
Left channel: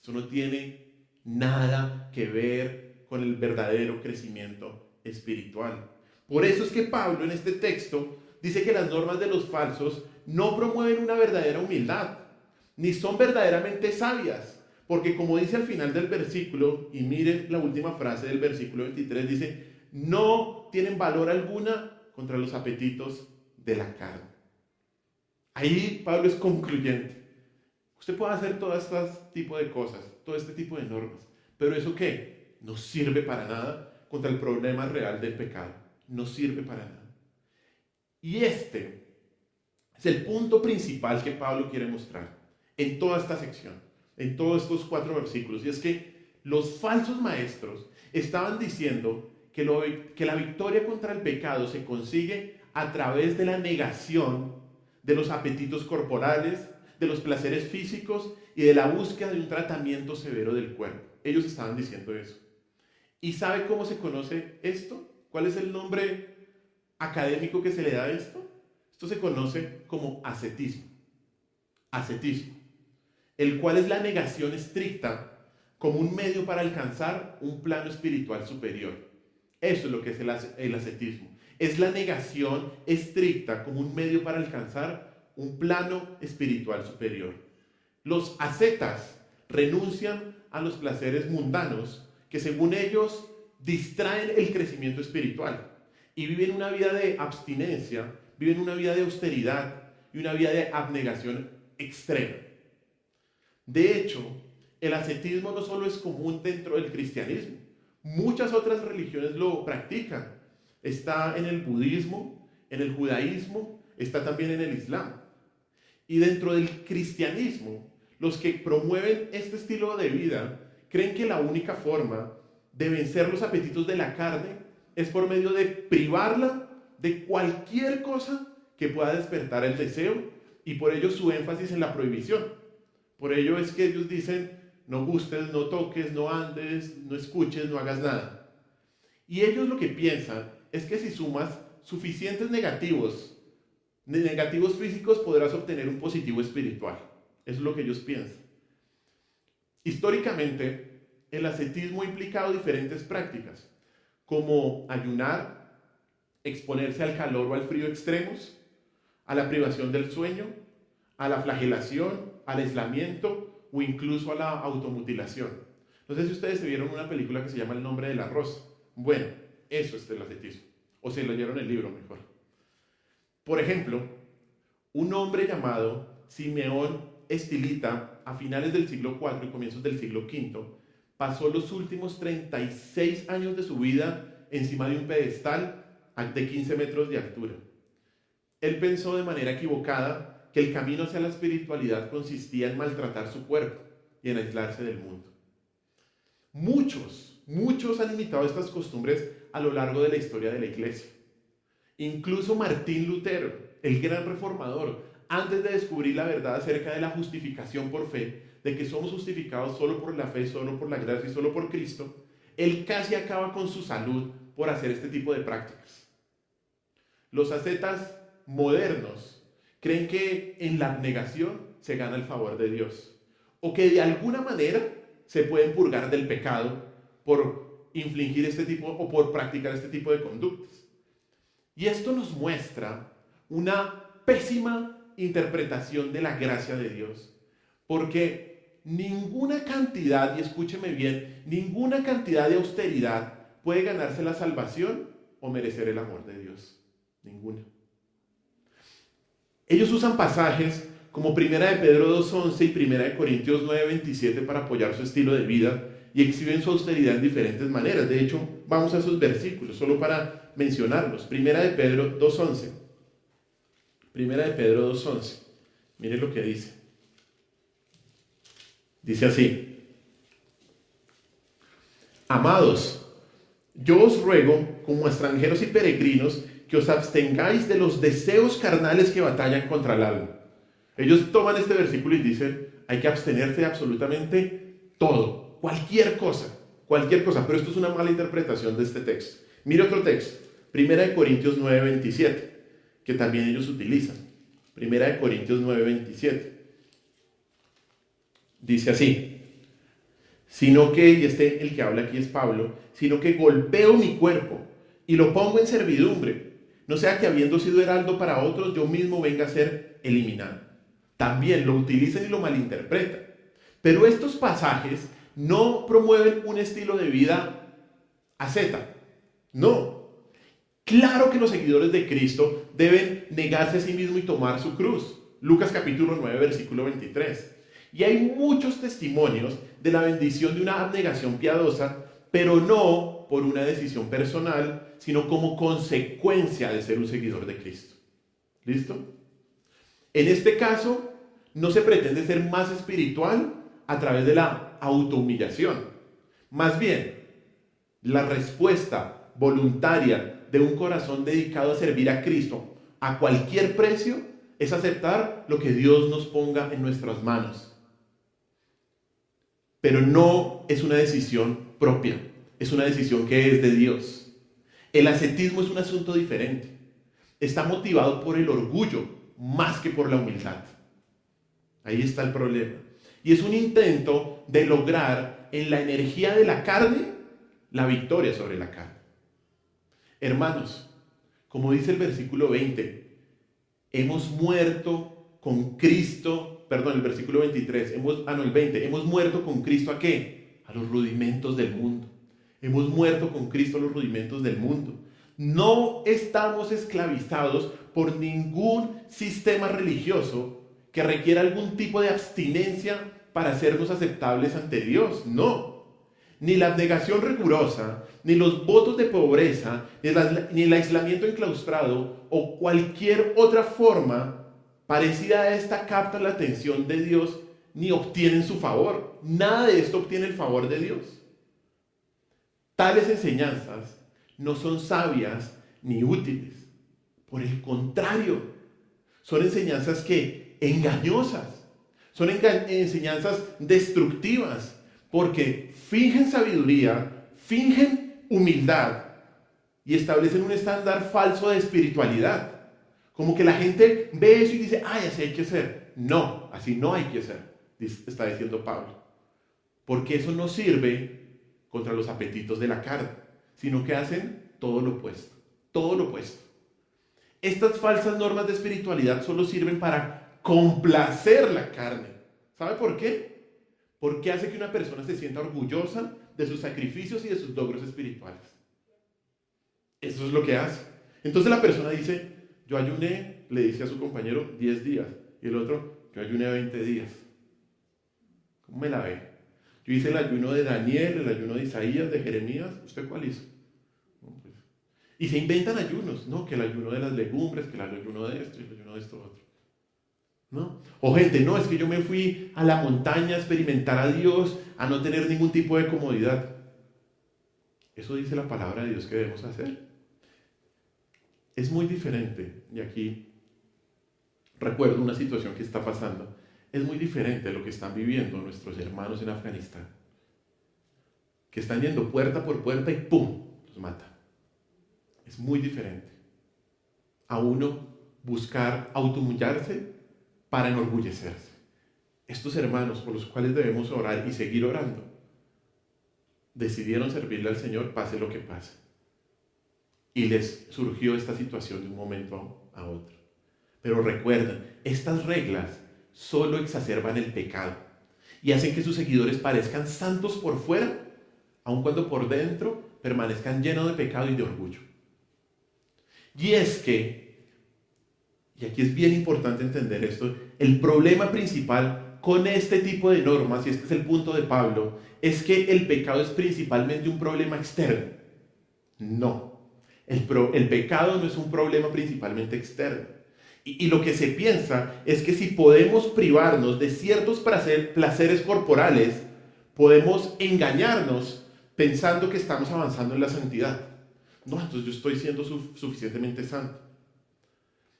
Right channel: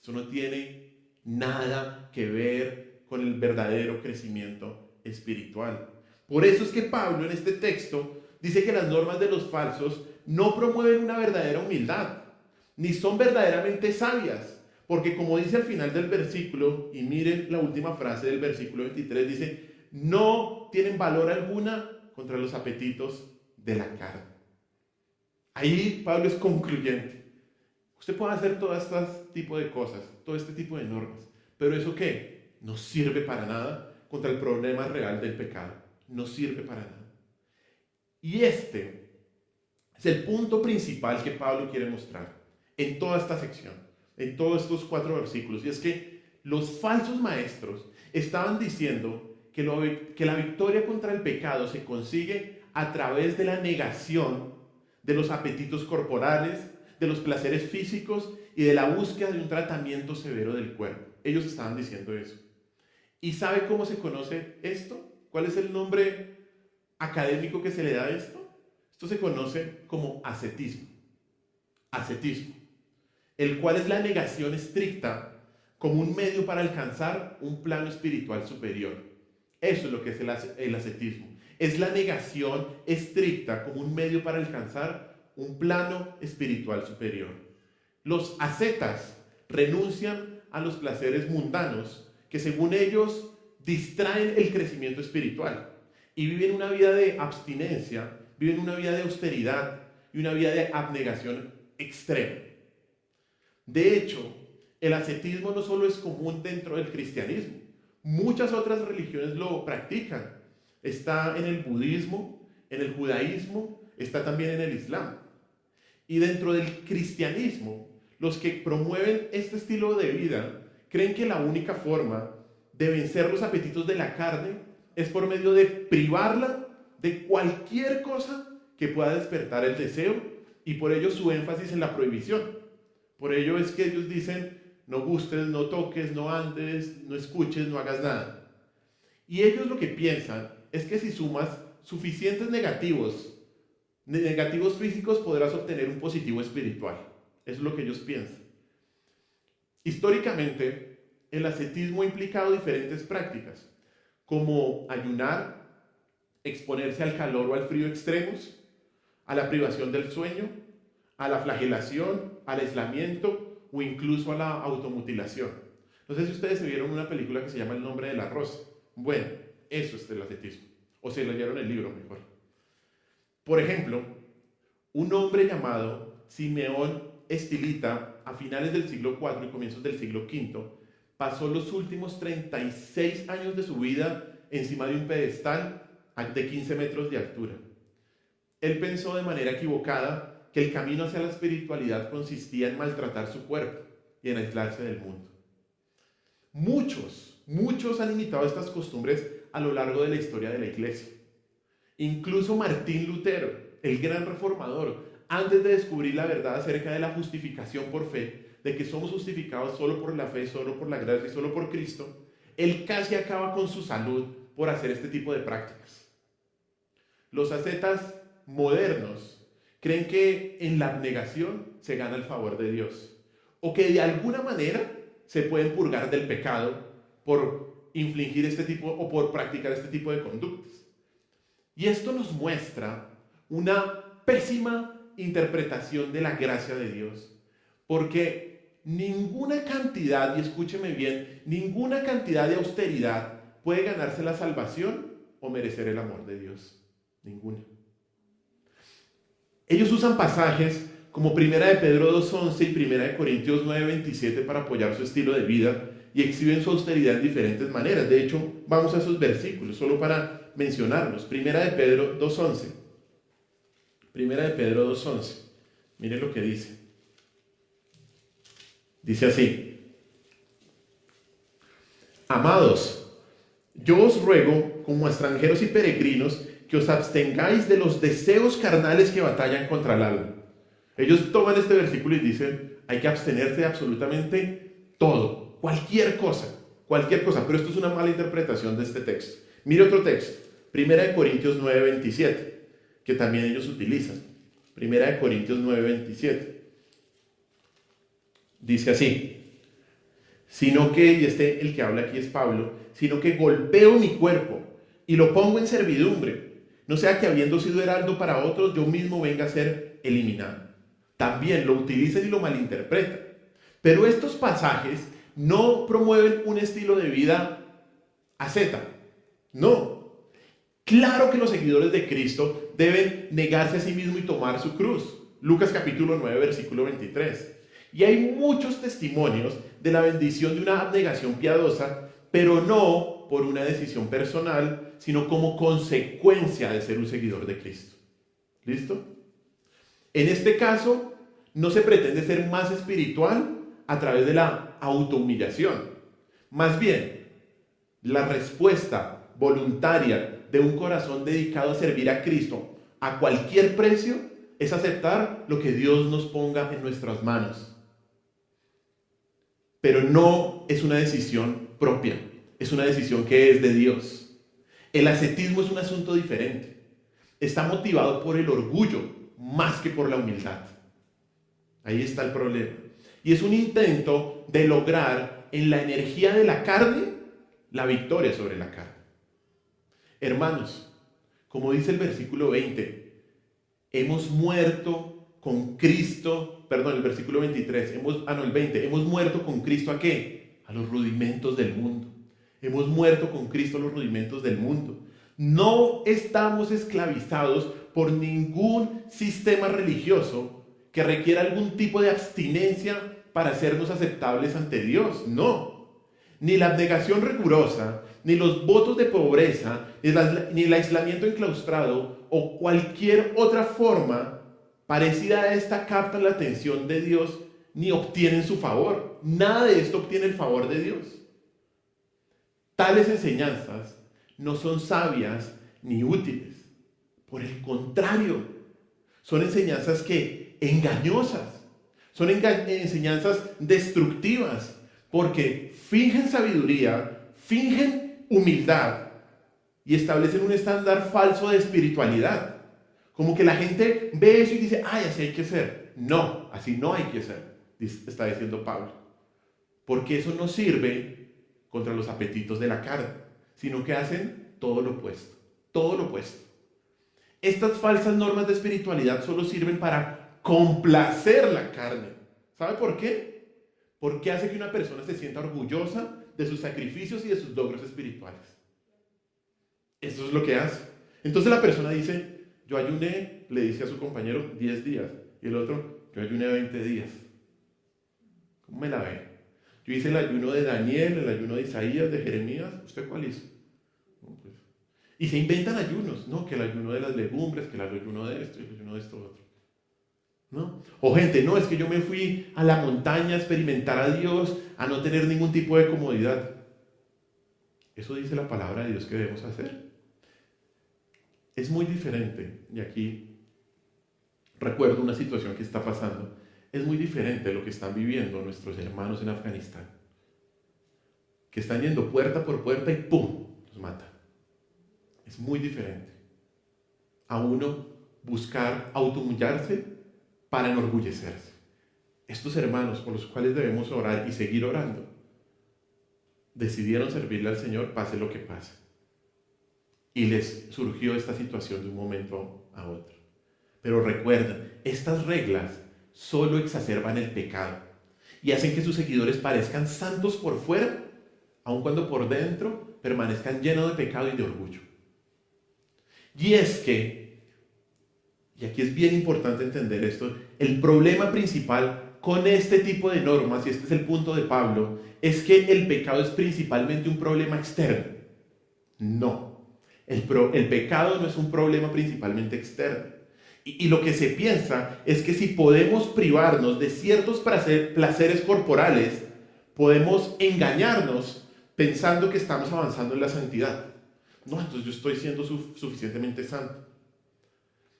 Eso no tiene nada que ver con el verdadero crecimiento espiritual. Por eso es que Pablo en este texto dice que las normas de los falsos no promueven una verdadera humildad, ni son verdaderamente sabias, porque como dice al final del versículo, y miren la última frase del versículo 23, dice, no tienen valor alguna contra los apetitos de la carne. Ahí Pablo es concluyente. Usted puede hacer todo este tipo de cosas, todo este tipo de normas, pero ¿eso qué? No sirve para nada contra el problema real del pecado. No sirve para nada. Y este es el punto principal que Pablo quiere mostrar en toda esta sección, en todos estos 4 versículos, y es que los falsos maestros estaban diciendo que la victoria contra el pecado se consigue a través de la negación de los apetitos corporales, de los placeres físicos y de la búsqueda de un tratamiento severo del cuerpo. Ellos estaban diciendo eso. ¿Y sabe cómo se conoce esto? ¿Cuál es el nombre académico que se le da a esto? Esto se conoce como ascetismo. Ascetismo, el cual es la negación estricta como un medio para alcanzar un plano espiritual superior. Eso es lo que es el ascetismo. Es la negación estricta como un medio para alcanzar un plano espiritual superior. Los ascetas renuncian a los placeres mundanos que según ellos distraen el crecimiento espiritual y viven una vida de abstinencia, viven una vida de austeridad y una vida de abnegación extrema. De hecho, el ascetismo no solo es común dentro del cristianismo, muchas otras religiones lo practican. Está en el budismo, en el judaísmo, está también en el islam. Y dentro del cristianismo, los que promueven este estilo de vida creen que la única forma de vencer los apetitos de la carne es por medio de privarla de cualquier cosa que pueda despertar el deseo, y por ello su énfasis en la prohibición. Por ello es que ellos dicen, no gustes, no toques, no andes, no escuches, no hagas nada. Y ellos lo que piensan es que si sumas suficientes negativos físicos, podrás obtener un positivo espiritual. Eso es lo que ellos piensan. Históricamente, el ascetismo ha implicado diferentes prácticas, como ayunar, exponerse al calor o al frío extremos, a la privación del sueño, a la flagelación, al aislamiento o incluso a la automutilación. No sé si ustedes se vieron una película que se llama El nombre de la rosa. Bueno, eso es el ascetismo. O se leyeron el libro mejor. Por ejemplo, un hombre llamado Simeón Estilita, a finales del siglo IV y comienzos del siglo V, pasó los últimos 36 años de su vida encima de un pedestal de 15 metros de altura. Él pensó de manera equivocada que el camino hacia la espiritualidad consistía en maltratar su cuerpo y en aislarse del mundo. Muchos han imitado estas costumbres a lo largo de la historia de la iglesia. Incluso Martín Lutero, el gran reformador, antes de descubrir la verdad acerca de la justificación por fe, de que somos justificados solo por la fe, solo por la gracia y solo por Cristo, él casi acaba con su salud por hacer este tipo de prácticas. Los ascetas modernos creen que en la abnegación se gana el favor de Dios, o que de alguna manera se pueden purgar del pecado por infligir este tipo o por practicar este tipo de conductas. Y esto nos muestra una pésima interpretación de la gracia de Dios, porque ninguna cantidad, y escúcheme bien, ninguna cantidad de austeridad puede ganarse la salvación o merecer el amor de Dios. Ninguna. Ellos usan pasajes como 1 de Pedro 2:11 y 1 de Corintios 9:27 para apoyar su estilo de vida y exhiben su austeridad en diferentes maneras. De hecho, vamos a esos versículos solo para mencionarlos. 1 de Pedro 2:11. 1 de Pedro 2:11. Mire lo que dice. Dice así: Amados, yo os ruego, como extranjeros y peregrinos, que os abstengáis de los deseos carnales que batallan contra el alma. Ellos toman este versículo y dicen, hay que abstenerse de absolutamente todo, cualquier cosa, pero esto es una mala interpretación de este texto. Mire otro texto, 1 de Corintios 9:27, que también ellos utilizan. 1 de Corintios 9:27. Dice así: sino que, y el que habla aquí es Pablo, sino que golpeo mi cuerpo y lo pongo en servidumbre, no sea que habiendo sido heraldo para otros, yo mismo venga a ser eliminado. También lo utilizan y lo malinterpretan. Pero estos pasajes no promueven un estilo de vida asceta. No. Claro que los seguidores de Cristo deben negarse a sí mismos y tomar su cruz. Lucas capítulo 9, versículo 23. Y hay muchos testimonios de la bendición de una abnegación piadosa, pero no por una decisión personal, sino como consecuencia de ser un seguidor de Cristo. ¿Listo? En este caso, no se pretende ser más espiritual a través de la autohumillación. Más bien, la respuesta voluntaria de un corazón dedicado a servir a Cristo a cualquier precio es aceptar lo que Dios nos ponga en nuestras manos. Pero no es una decisión propia, es una decisión que es de Dios. El ascetismo es un asunto diferente. Está motivado por el orgullo más que por la humildad. Ahí está el problema. Y es un intento de lograr en la energía de la carne la victoria sobre la carne. Hermanos, como dice el versículo 20, hemos muerto con Cristo, el versículo 23, el 20, hemos muerto con Cristo ¿a qué? A los rudimentos del mundo. Hemos muerto con Cristo a los rudimentos del mundo. No estamos esclavizados por ningún sistema religioso que requiera algún tipo de abstinencia para hacernos aceptables ante Dios. No. Ni la abnegación rigurosa, ni los votos de pobreza, ni el aislamiento enclaustrado o cualquier otra forma parecida a esta captan la atención de Dios ni obtienen su favor. Nada de esto obtiene el favor de Dios. Tales enseñanzas no son sabias ni útiles. Por el contrario, son enseñanzas engañosas, son enseñanzas destructivas, porque fingen sabiduría, fingen humildad y establecen un estándar falso de espiritualidad. Como que la gente ve eso y dice, ay, así hay que ser. No, así no hay que ser, está diciendo Pablo. Porque eso no sirve contra los apetitos de la carne, sino que hacen todo lo opuesto, todo lo opuesto. Estas falsas normas de espiritualidad solo sirven para complacer la carne. ¿Sabe por qué? Porque hace que una persona se sienta orgullosa de sus sacrificios y de sus logros espirituales. Eso es lo que hace. Entonces la persona dice, yo ayuné, le dice a su compañero, 10 días. Y el otro, yo ayuné 20 días. ¿Cómo me la ve? Yo hice el ayuno de Daniel, el ayuno de Isaías, de Jeremías. ¿Usted cuál hizo? No, pues. Y se inventan ayunos, ¿no? Que el ayuno de las legumbres, que el ayuno de esto y el ayuno de esto otro. ¿No? O gente, no, es que yo me fui a la montaña a experimentar a Dios, a no tener ningún tipo de comodidad. Eso dice la palabra de Dios que debemos hacer. Es muy diferente, y aquí recuerdo una situación que está pasando, es muy diferente de lo que están viviendo nuestros hermanos en Afganistán, que están yendo puerta por puerta y ¡pum!, los matan. Es muy diferente a uno buscar automullarse para enorgullecerse. Estos hermanos por los cuales debemos orar y seguir orando, decidieron servirle al Señor pase lo que pase. Y les surgió esta situación de un momento a otro. Pero recuerden, estas reglas solo exacerban el pecado y hacen que sus seguidores parezcan santos por fuera, aun cuando por dentro permanezcan llenos de pecado y de orgullo. Y es que, y aquí es bien importante entender esto, el problema principal con este tipo de normas, y este es el punto de Pablo, es que el pecado es principalmente un problema externo. No. El pecado no es un problema principalmente externo. Y lo que se piensa es que si podemos privarnos de ciertos placeres corporales, podemos engañarnos pensando que estamos avanzando en la santidad. No, entonces yo estoy siendo suficientemente santo.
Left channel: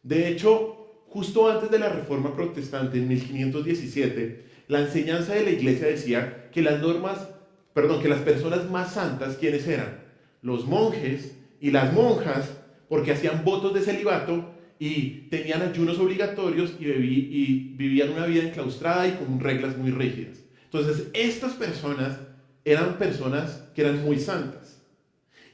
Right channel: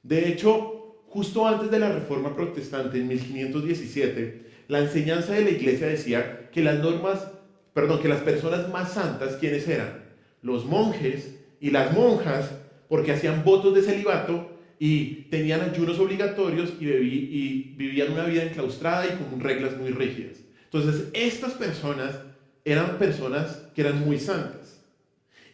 De hecho, justo antes de la Reforma Protestante, en 1517, la enseñanza de la Iglesia decía que que las personas más santas, ¿quiénes eran? Los monjes y las monjas, porque hacían votos de celibato y tenían ayunos obligatorios y vivían una vida enclaustrada y con reglas muy rígidas. Entonces, estas personas eran personas que eran muy santas.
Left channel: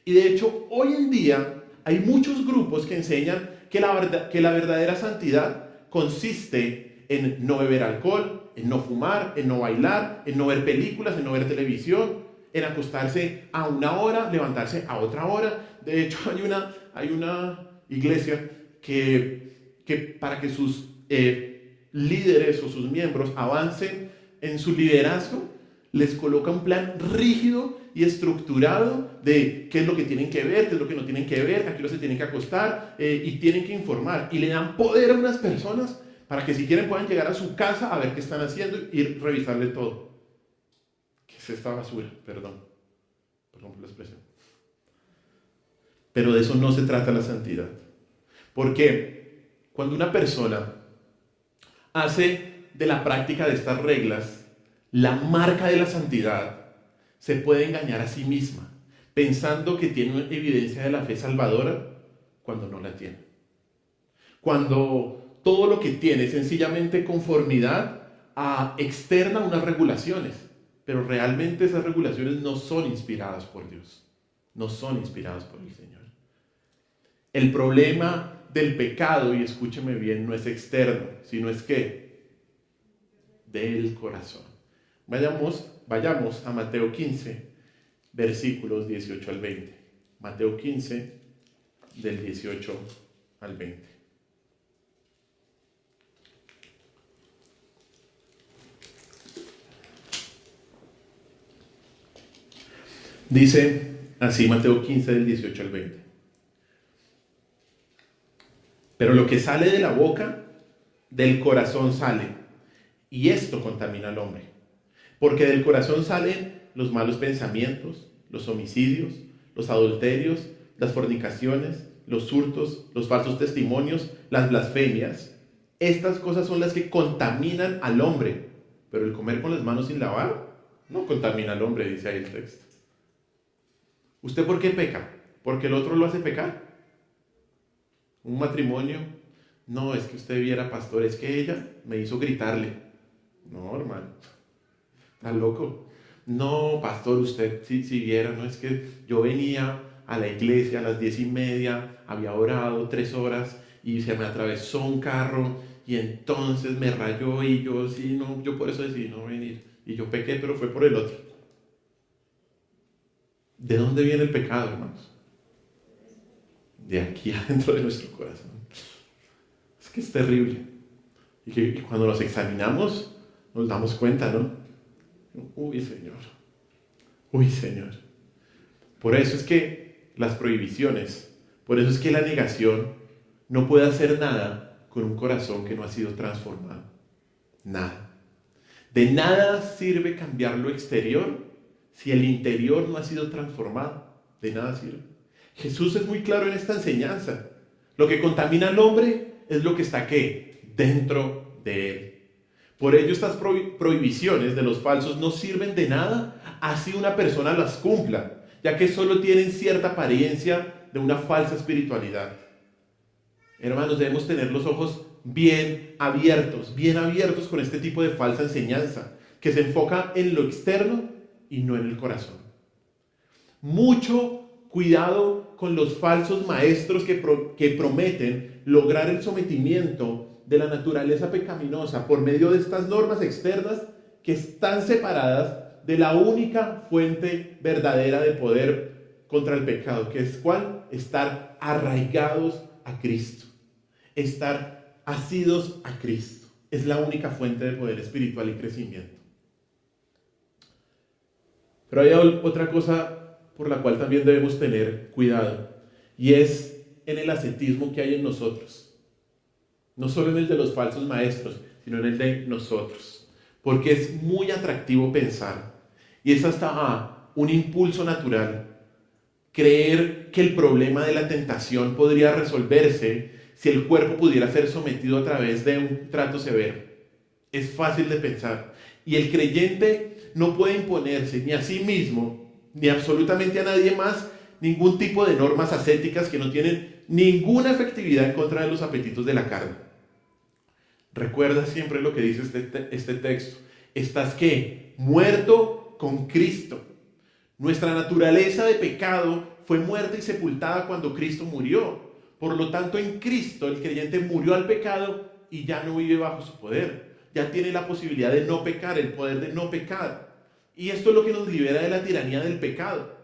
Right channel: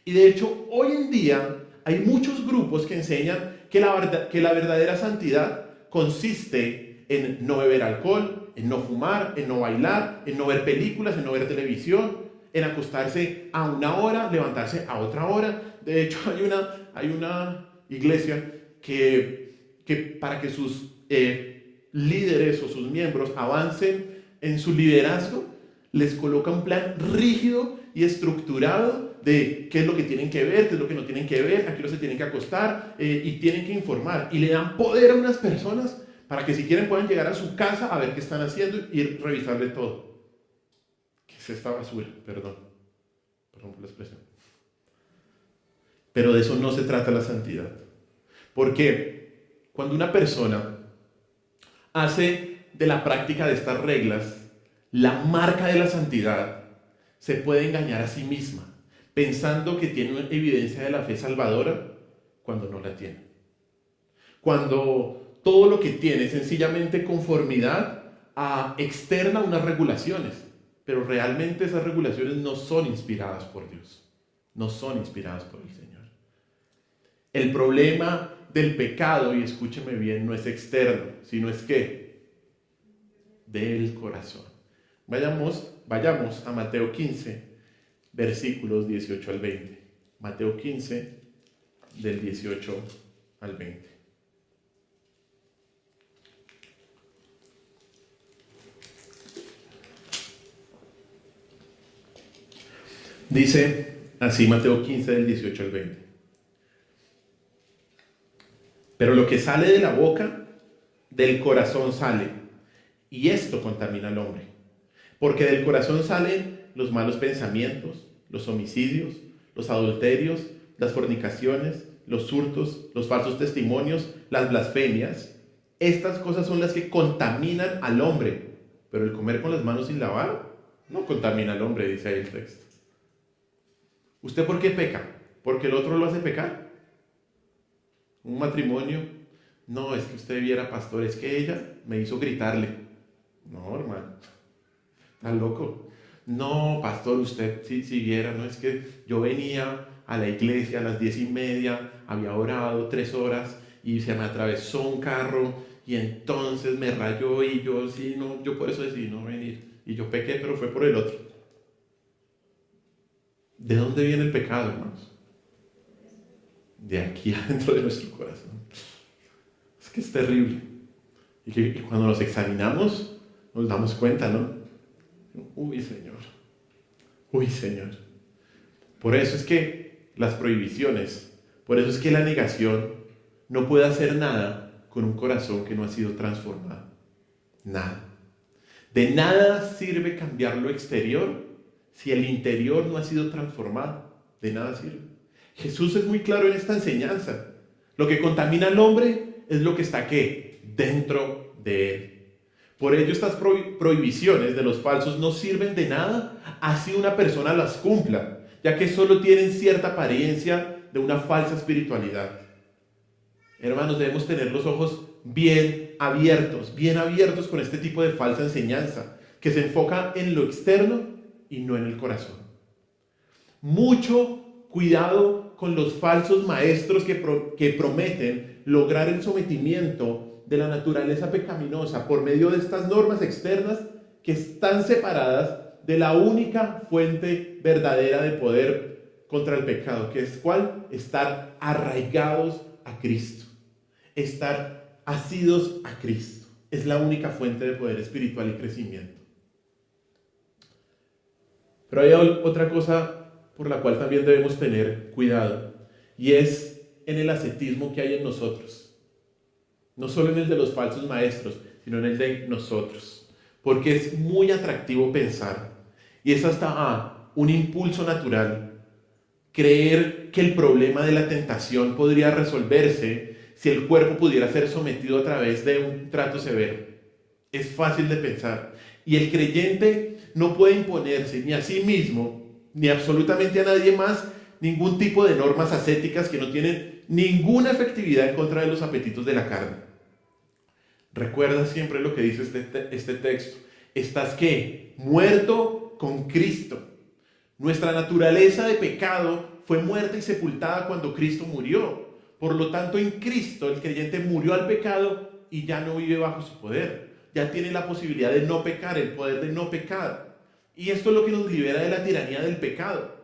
Y de hecho, hoy en día hay muchos grupos que enseñan que la verdadera santidad consiste en no beber alcohol, en no fumar, en no bailar, en no ver películas, en no ver televisión, en acostarse a una hora, levantarse a otra hora. De hecho, hay una iglesia que para que sus líderes o sus miembros avancen en su liderazgo, les coloca un plan rígido y estructurado de qué es lo que tienen que ver, qué es lo que no tienen que ver, a qué hora se tienen que acostar y tienen que informar. Y le dan poder a unas personas para que si quieren puedan llegar a su casa a ver qué están haciendo y revisarle todo. ¿Qué es esta basura? Perdón por la expresión. Pero de eso no se trata la santidad. Porque cuando una persona hace de la práctica de estas reglas la marca de la santidad, se puede engañar a sí misma, pensando que tiene una evidencia de la fe salvadora cuando no la tiene. Cuando todo lo que tiene es sencillamente conformidad externa a unas regulaciones, pero realmente esas regulaciones no son inspiradas por Dios, no son inspiradas por el Señor. El problema del pecado, y escúcheme bien, no es externo, sino es ¿qué? Del corazón. Vayamos a Mateo 15, versículos 18 al 20. Mateo 15, del 18 al 20. Dice así Mateo 15, del 18 al 20. Pero lo que sale de la boca, del corazón sale, y esto contamina al hombre. Porque del corazón salen los malos pensamientos, los homicidios, los adulterios, las fornicaciones, los hurtos, los falsos testimonios, las blasfemias. Estas cosas son las que contaminan al hombre. Pero el comer con las manos sin lavar no contamina al hombre, dice ahí el texto. ¿Usted por qué peca? ¿Porque el otro lo hace pecar? ¿Un matrimonio? No, es que usted viera, pastor, es que ella me hizo gritarle. No, hermano. ¿Está loco? No, pastor, usted si viera, no es que yo venía a la iglesia a las 10:30, había orado 3 horas y se me atravesó un carro y entonces me rayó y yo yo por eso decidí no venir. Y yo pequé, pero fue por el otro. ¿De dónde viene el pecado, hermanos? De aquí adentro de nuestro corazón. Es que es terrible. Y cuando nos examinamos, nos damos cuenta, ¿no? Uy, Señor. Uy, Señor. Por eso es que las prohibiciones, por eso es que la negación no puede hacer nada con un corazón que no ha sido transformado. Nada. De nada sirve cambiar lo exterior si el interior no ha sido transformado. De nada sirve. Jesús es muy claro en esta enseñanza. Lo que contamina al hombre es lo que está ¿qué? Dentro de él. Por ello estas prohibiciones de los falsos no sirven de nada así una persona las cumpla, ya que solo tienen cierta apariencia de una falsa espiritualidad. Hermanos, debemos tener los ojos bien abiertos con este tipo de falsa enseñanza, que se enfoca en lo externo y no en el corazón. Mucho cuidado con los falsos maestros que prometen lograr el sometimiento de la naturaleza pecaminosa por medio de estas normas externas que están separadas de la única fuente verdadera de poder contra el pecado, que es ¿cuál? Estar arraigados a Cristo, estar asidos a Cristo. Es la única fuente de poder espiritual y crecimiento. Pero hay otra cosa por la cual también debemos tener cuidado, y es en el ascetismo que hay en nosotros. No solo en el de los falsos maestros, sino en el de nosotros. Porque es muy atractivo pensar, y es hasta un impulso natural, creer que el problema de la tentación podría resolverse si el cuerpo pudiera ser sometido a través de un trato severo. Es fácil de pensar. Y el creyente no puede imponerse ni a sí mismo, ni absolutamente a nadie más, ningún tipo de normas ascéticas que no tienen ninguna efectividad en contra de los apetitos de la carne. Recuerda siempre lo que dice este texto. Estás ¿qué? Muerto con Cristo. Nuestra naturaleza de pecado fue muerta y sepultada cuando Cristo murió. Por lo tanto, en Cristo el creyente murió al pecado y ya no vive bajo su poder. Ya tiene la posibilidad de no pecar, el poder de no pecar. Y esto es lo que nos libera de la tiranía del pecado.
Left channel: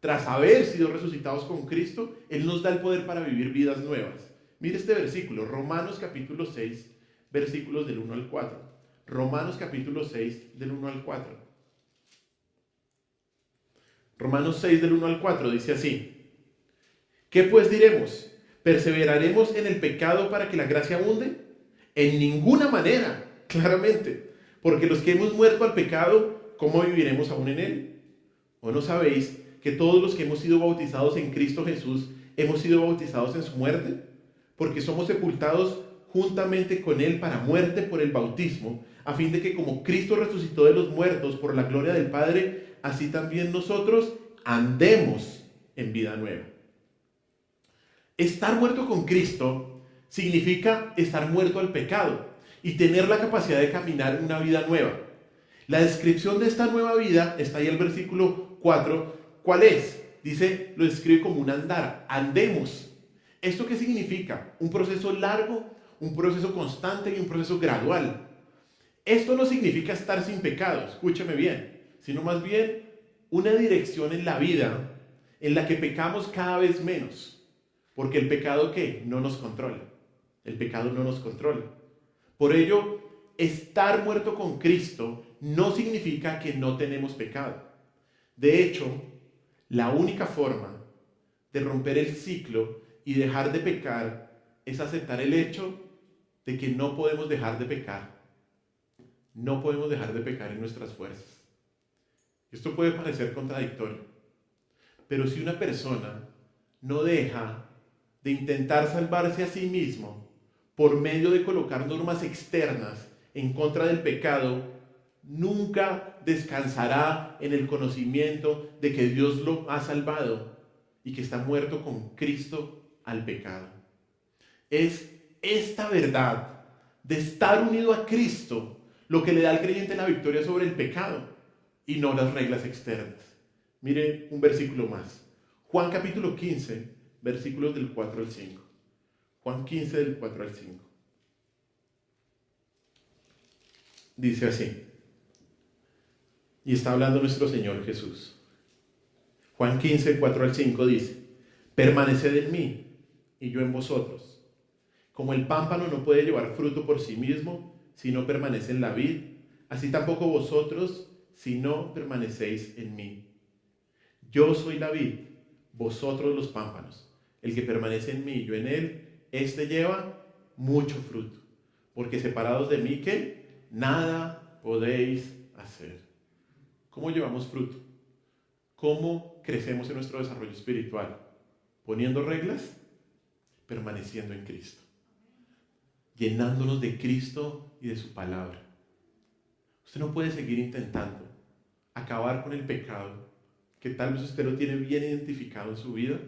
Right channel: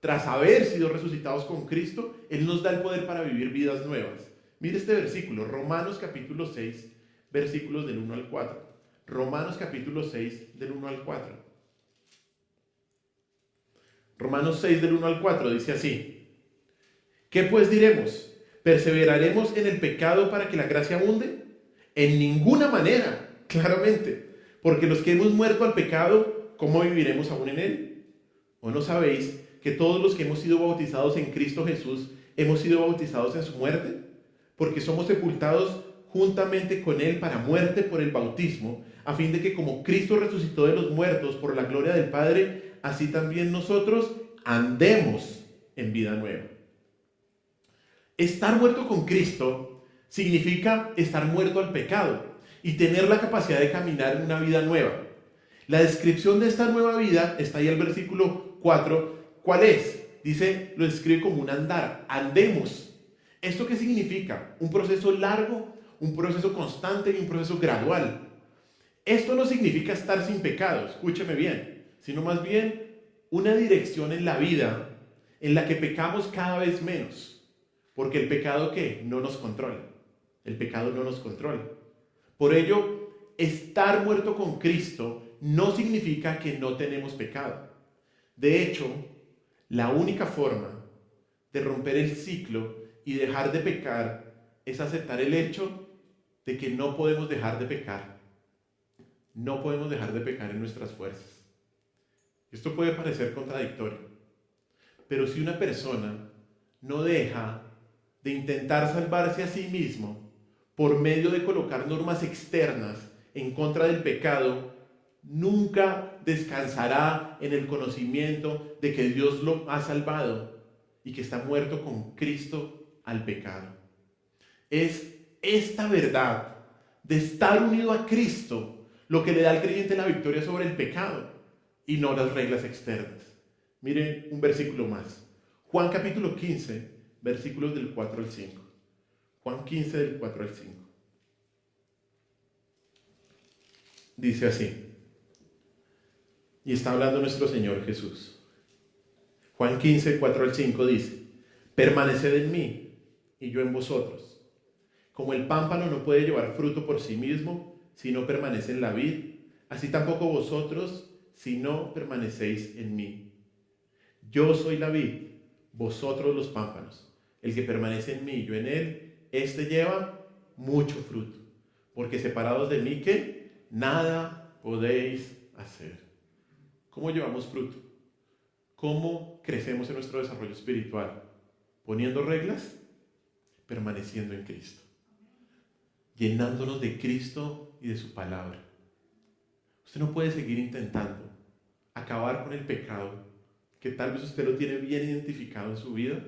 Tras haber sido resucitados con Cristo, Él nos da el poder para vivir vidas nuevas. Mire este versículo, Romanos capítulo 6, versículos del 1 al 4. Romanos capítulo 6, del 1 al 4. Romanos 6, del 1 al 4, dice así. ¿Qué pues diremos? ¿Perseveraremos en el pecado para que la gracia abunde? En ninguna manera, claramente. Porque los que hemos muerto al pecado, ¿cómo viviremos aún en él? ¿O no sabéis que todos los que hemos sido bautizados en Cristo Jesús hemos sido bautizados en su muerte? Porque somos sepultados juntamente con él para muerte por el bautismo, a fin de que como Cristo resucitó de los muertos por la gloria del Padre, así también nosotros andemos en vida nueva. Estar muerto con Cristo significa estar muerto al pecado y tener la capacidad de caminar en una vida nueva. La descripción de esta nueva vida está ahí el versículo 4. ¿Cuál es? Dice, lo describe como un andar. Andemos. ¿Esto qué significa? Un proceso largo, un proceso constante y un proceso gradual. Esto no significa estar sin pecado, escúcheme bien, sino más bien una dirección en la vida en la que pecamos cada vez menos. Porque el pecado ¿qué? No nos controla. El pecado no nos controla. Por ello, estar muerto con Cristo no significa que no tenemos pecado. De hecho, la única forma de romper el ciclo y dejar de pecar es aceptar el hecho de que no podemos dejar de pecar. No podemos dejar de pecar en nuestras fuerzas. Esto puede parecer contradictorio, pero si una persona no deja de intentar salvarse a sí mismo por medio de colocar normas externas en contra del pecado, nunca descansará en el conocimiento de que Dios lo ha salvado y que está muerto con Cristo al pecado. Es esta verdad de estar unido a Cristo lo que le da al creyente la victoria sobre el pecado y no las reglas externas. Mire un versículo más. Juan capítulo 15, versículos del 4 al 5. Juan 15 del 4 al 5. Dice así. Y está hablando nuestro Señor Jesús. Juan 15, 4 al 5 dice: permaneced en mí y yo en vosotros. Como el pámpano no puede llevar fruto por sí mismo si no permanece en la vid, así tampoco vosotros si no permanecéis en mí. Yo soy la vid, vosotros los pámpanos. El que permanece en mí y yo en él, éste lleva mucho fruto. Porque separados de mí, ¿qué? Nada podéis hacer. ¿Cómo llevamos fruto? ¿Cómo crecemos en nuestro desarrollo espiritual? ¿Poniendo reglas? Permaneciendo en Cristo. Llenándonos de Cristo y de su palabra. Usted no puede seguir intentando acabar con el pecado, que tal vez usted lo tiene bien identificado en su vida,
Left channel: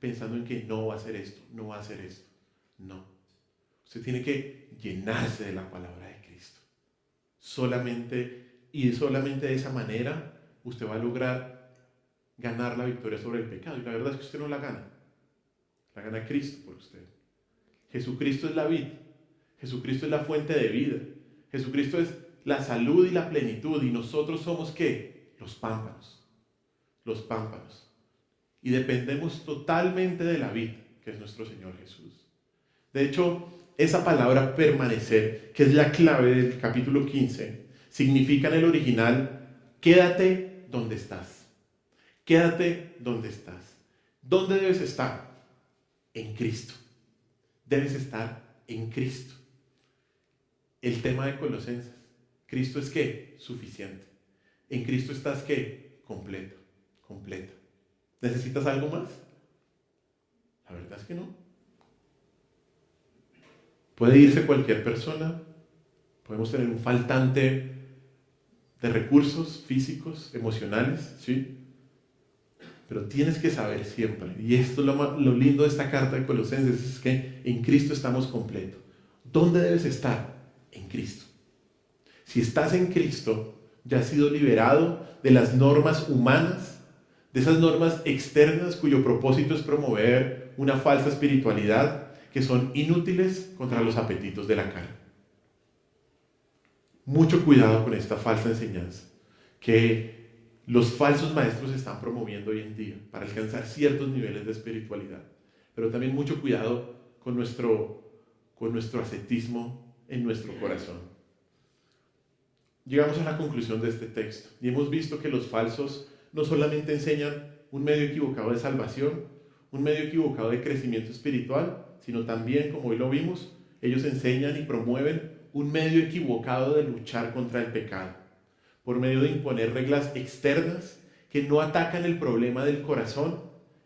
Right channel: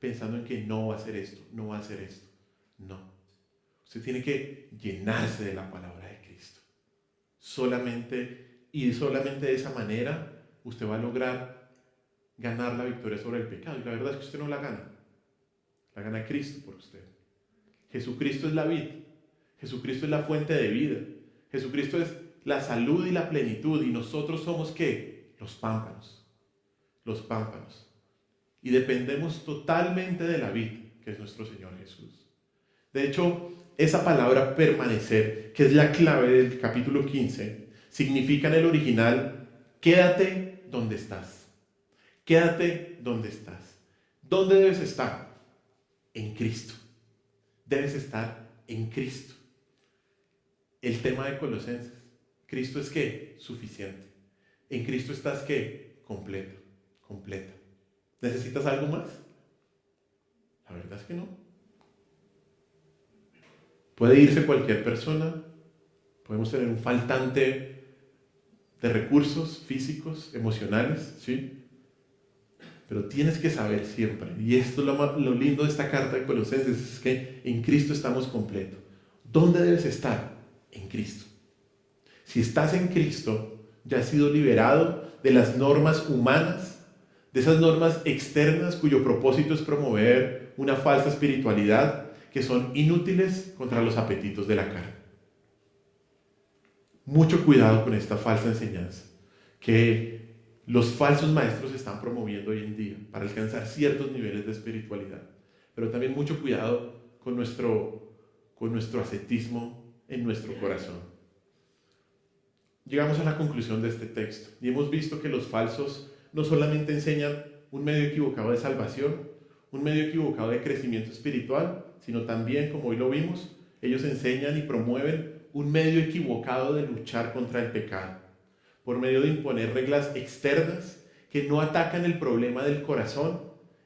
pensando en que no va a hacer esto, no va a hacer esto. No. Usted tiene que llenarse de la palabra de Cristo. Solamente de esa manera usted va a lograr ganar la victoria sobre el pecado. Y la verdad es que usted no la gana. La gana Cristo por usted. Jesucristo es la vid. Jesucristo es la fuente de vida. Jesucristo es la salud y la plenitud. ¿Y nosotros somos qué? Los pámpanos. Los pámpanos. Y dependemos totalmente de la vid, que es nuestro Señor Jesús. De hecho, esa palabra permanecer, que es la clave del capítulo 15, significa en el original, quédate donde estás. Quédate donde estás. ¿Dónde debes estar? En Cristo. Debes estar en Cristo. El tema de Colosenses. Cristo es ¿qué? Suficiente. En Cristo estás ¿qué? Completo, completa. ¿Necesitas algo más? La verdad es que no. Puede irse cualquier persona. Podemos tener un faltante de recursos físicos, emocionales, ¿sí? Pero tienes que saber siempre, y esto es lo lindo de esta carta de Colosenses, es que en Cristo estamos completos. ¿Dónde debes estar? En Cristo. Si estás en Cristo, ya has sido liberado de las normas humanas, de esas normas externas cuyo propósito es promover una falsa espiritualidad, que son inútiles contra los apetitos de la carne. Mucho cuidado con esta falsa enseñanza que los falsos maestros están promoviendo hoy en día para alcanzar ciertos niveles de espiritualidad. Pero también mucho cuidado con nuestro ascetismo en nuestro corazón. Llegamos a la conclusión de este texto y hemos visto que los falsos no solamente enseñan un medio equivocado de salvación, un medio equivocado de crecimiento espiritual, sino también, como hoy lo vimos, ellos enseñan y promueven un medio equivocado de luchar contra el pecado, por medio de imponer reglas externas que no atacan el problema del corazón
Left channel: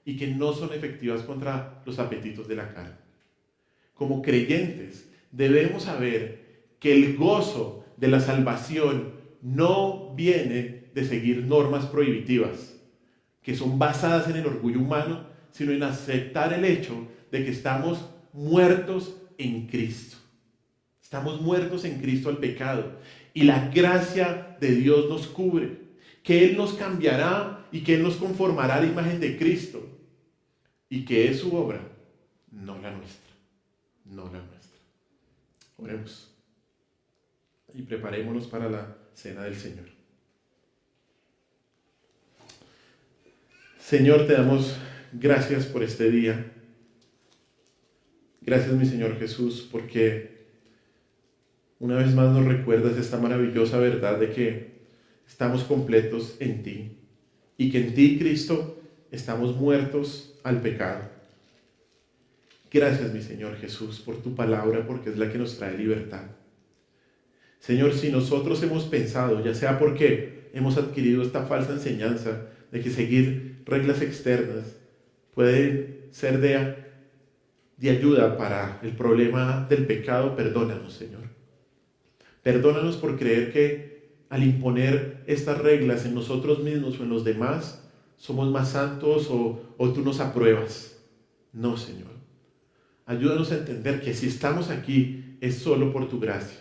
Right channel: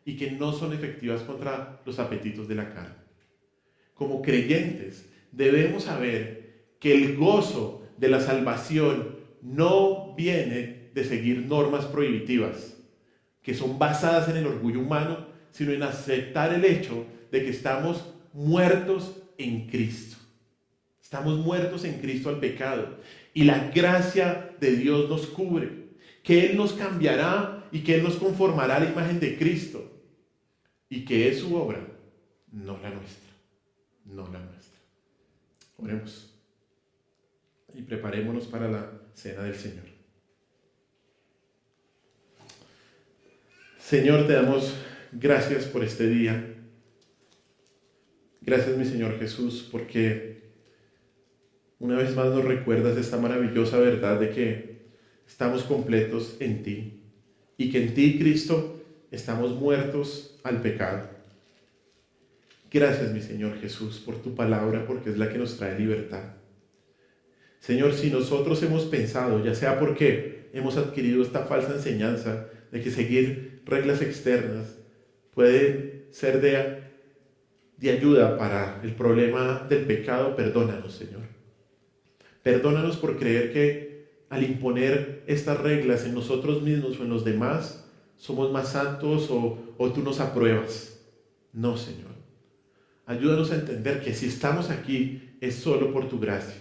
y que no son efectivas contra los apetitos de la carne. Como creyentes, debemos saber que el gozo de la salvación no viene de seguir normas prohibitivas, que son basadas en el orgullo humano, sino en aceptar el hecho de que estamos muertos en Cristo. Estamos muertos en Cristo al pecado. Y la gracia de Dios nos cubre, que Él nos cambiará y que Él nos conformará a la imagen de Cristo. Y que es su obra, no la nuestra. No la nuestra. Oremos. Y preparémonos para la cena del Señor. Señor, te damos gracias por este día. Gracias, mi Señor Jesús, porque una vez más nos recuerdas esta maravillosa verdad de que estamos completos en ti y que en ti, Cristo, estamos muertos al pecado. Gracias, mi Señor Jesús, por tu palabra, porque es la que nos trae libertad. Señor, si nosotros hemos pensado, ya sea porque hemos adquirido esta falsa enseñanza de que seguir reglas externas puede ser de ayuda para el problema del pecado, perdónanos, Señor. Perdónanos por creer que al imponer estas reglas en nosotros mismos o en los demás, somos más santos o tú nos apruebas. No, Señor. Ayúdanos a entender que si estamos aquí es solo por tu gracia.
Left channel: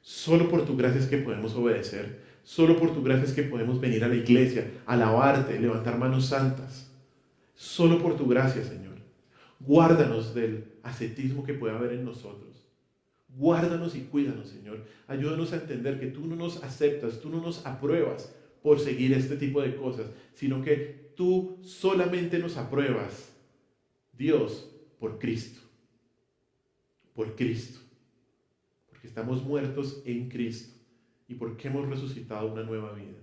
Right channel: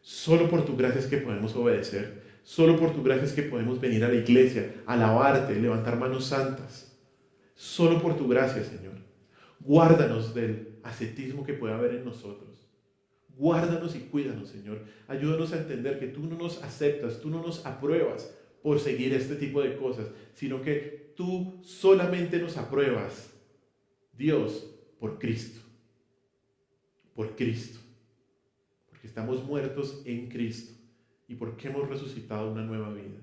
Solo por tu gracia es que podemos obedecer. Solo por tu gracia es que podemos venir a la iglesia, alabarte, levantar manos santas. Solo por tu gracia, Señor. Guárdanos del ascetismo que pueda haber en nosotros. Guárdanos y cuídanos, Señor. Ayúdanos a entender que tú no nos aceptas, tú no nos apruebas por seguir este tipo de cosas, sino que tú solamente nos apruebas, Dios, por Cristo. Por Cristo. Porque estamos muertos en Cristo y porque hemos resucitado una nueva vida.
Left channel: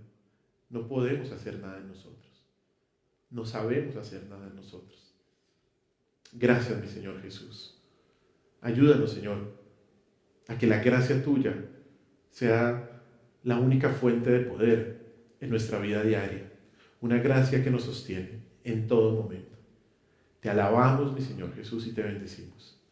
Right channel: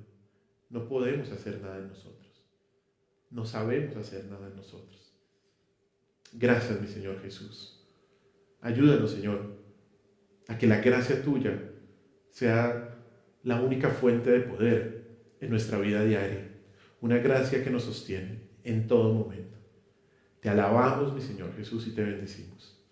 no podemos hacer nada en nosotros. No sabemos hacer nada en nosotros. Gracias, mi Señor Jesús. Ayúdanos, Señor, a que la gracia tuya sea la única fuente de poder en nuestra vida diaria. Una gracia que nos sostiene en todo momento. Te alabamos, mi Señor Jesús, y te bendecimos.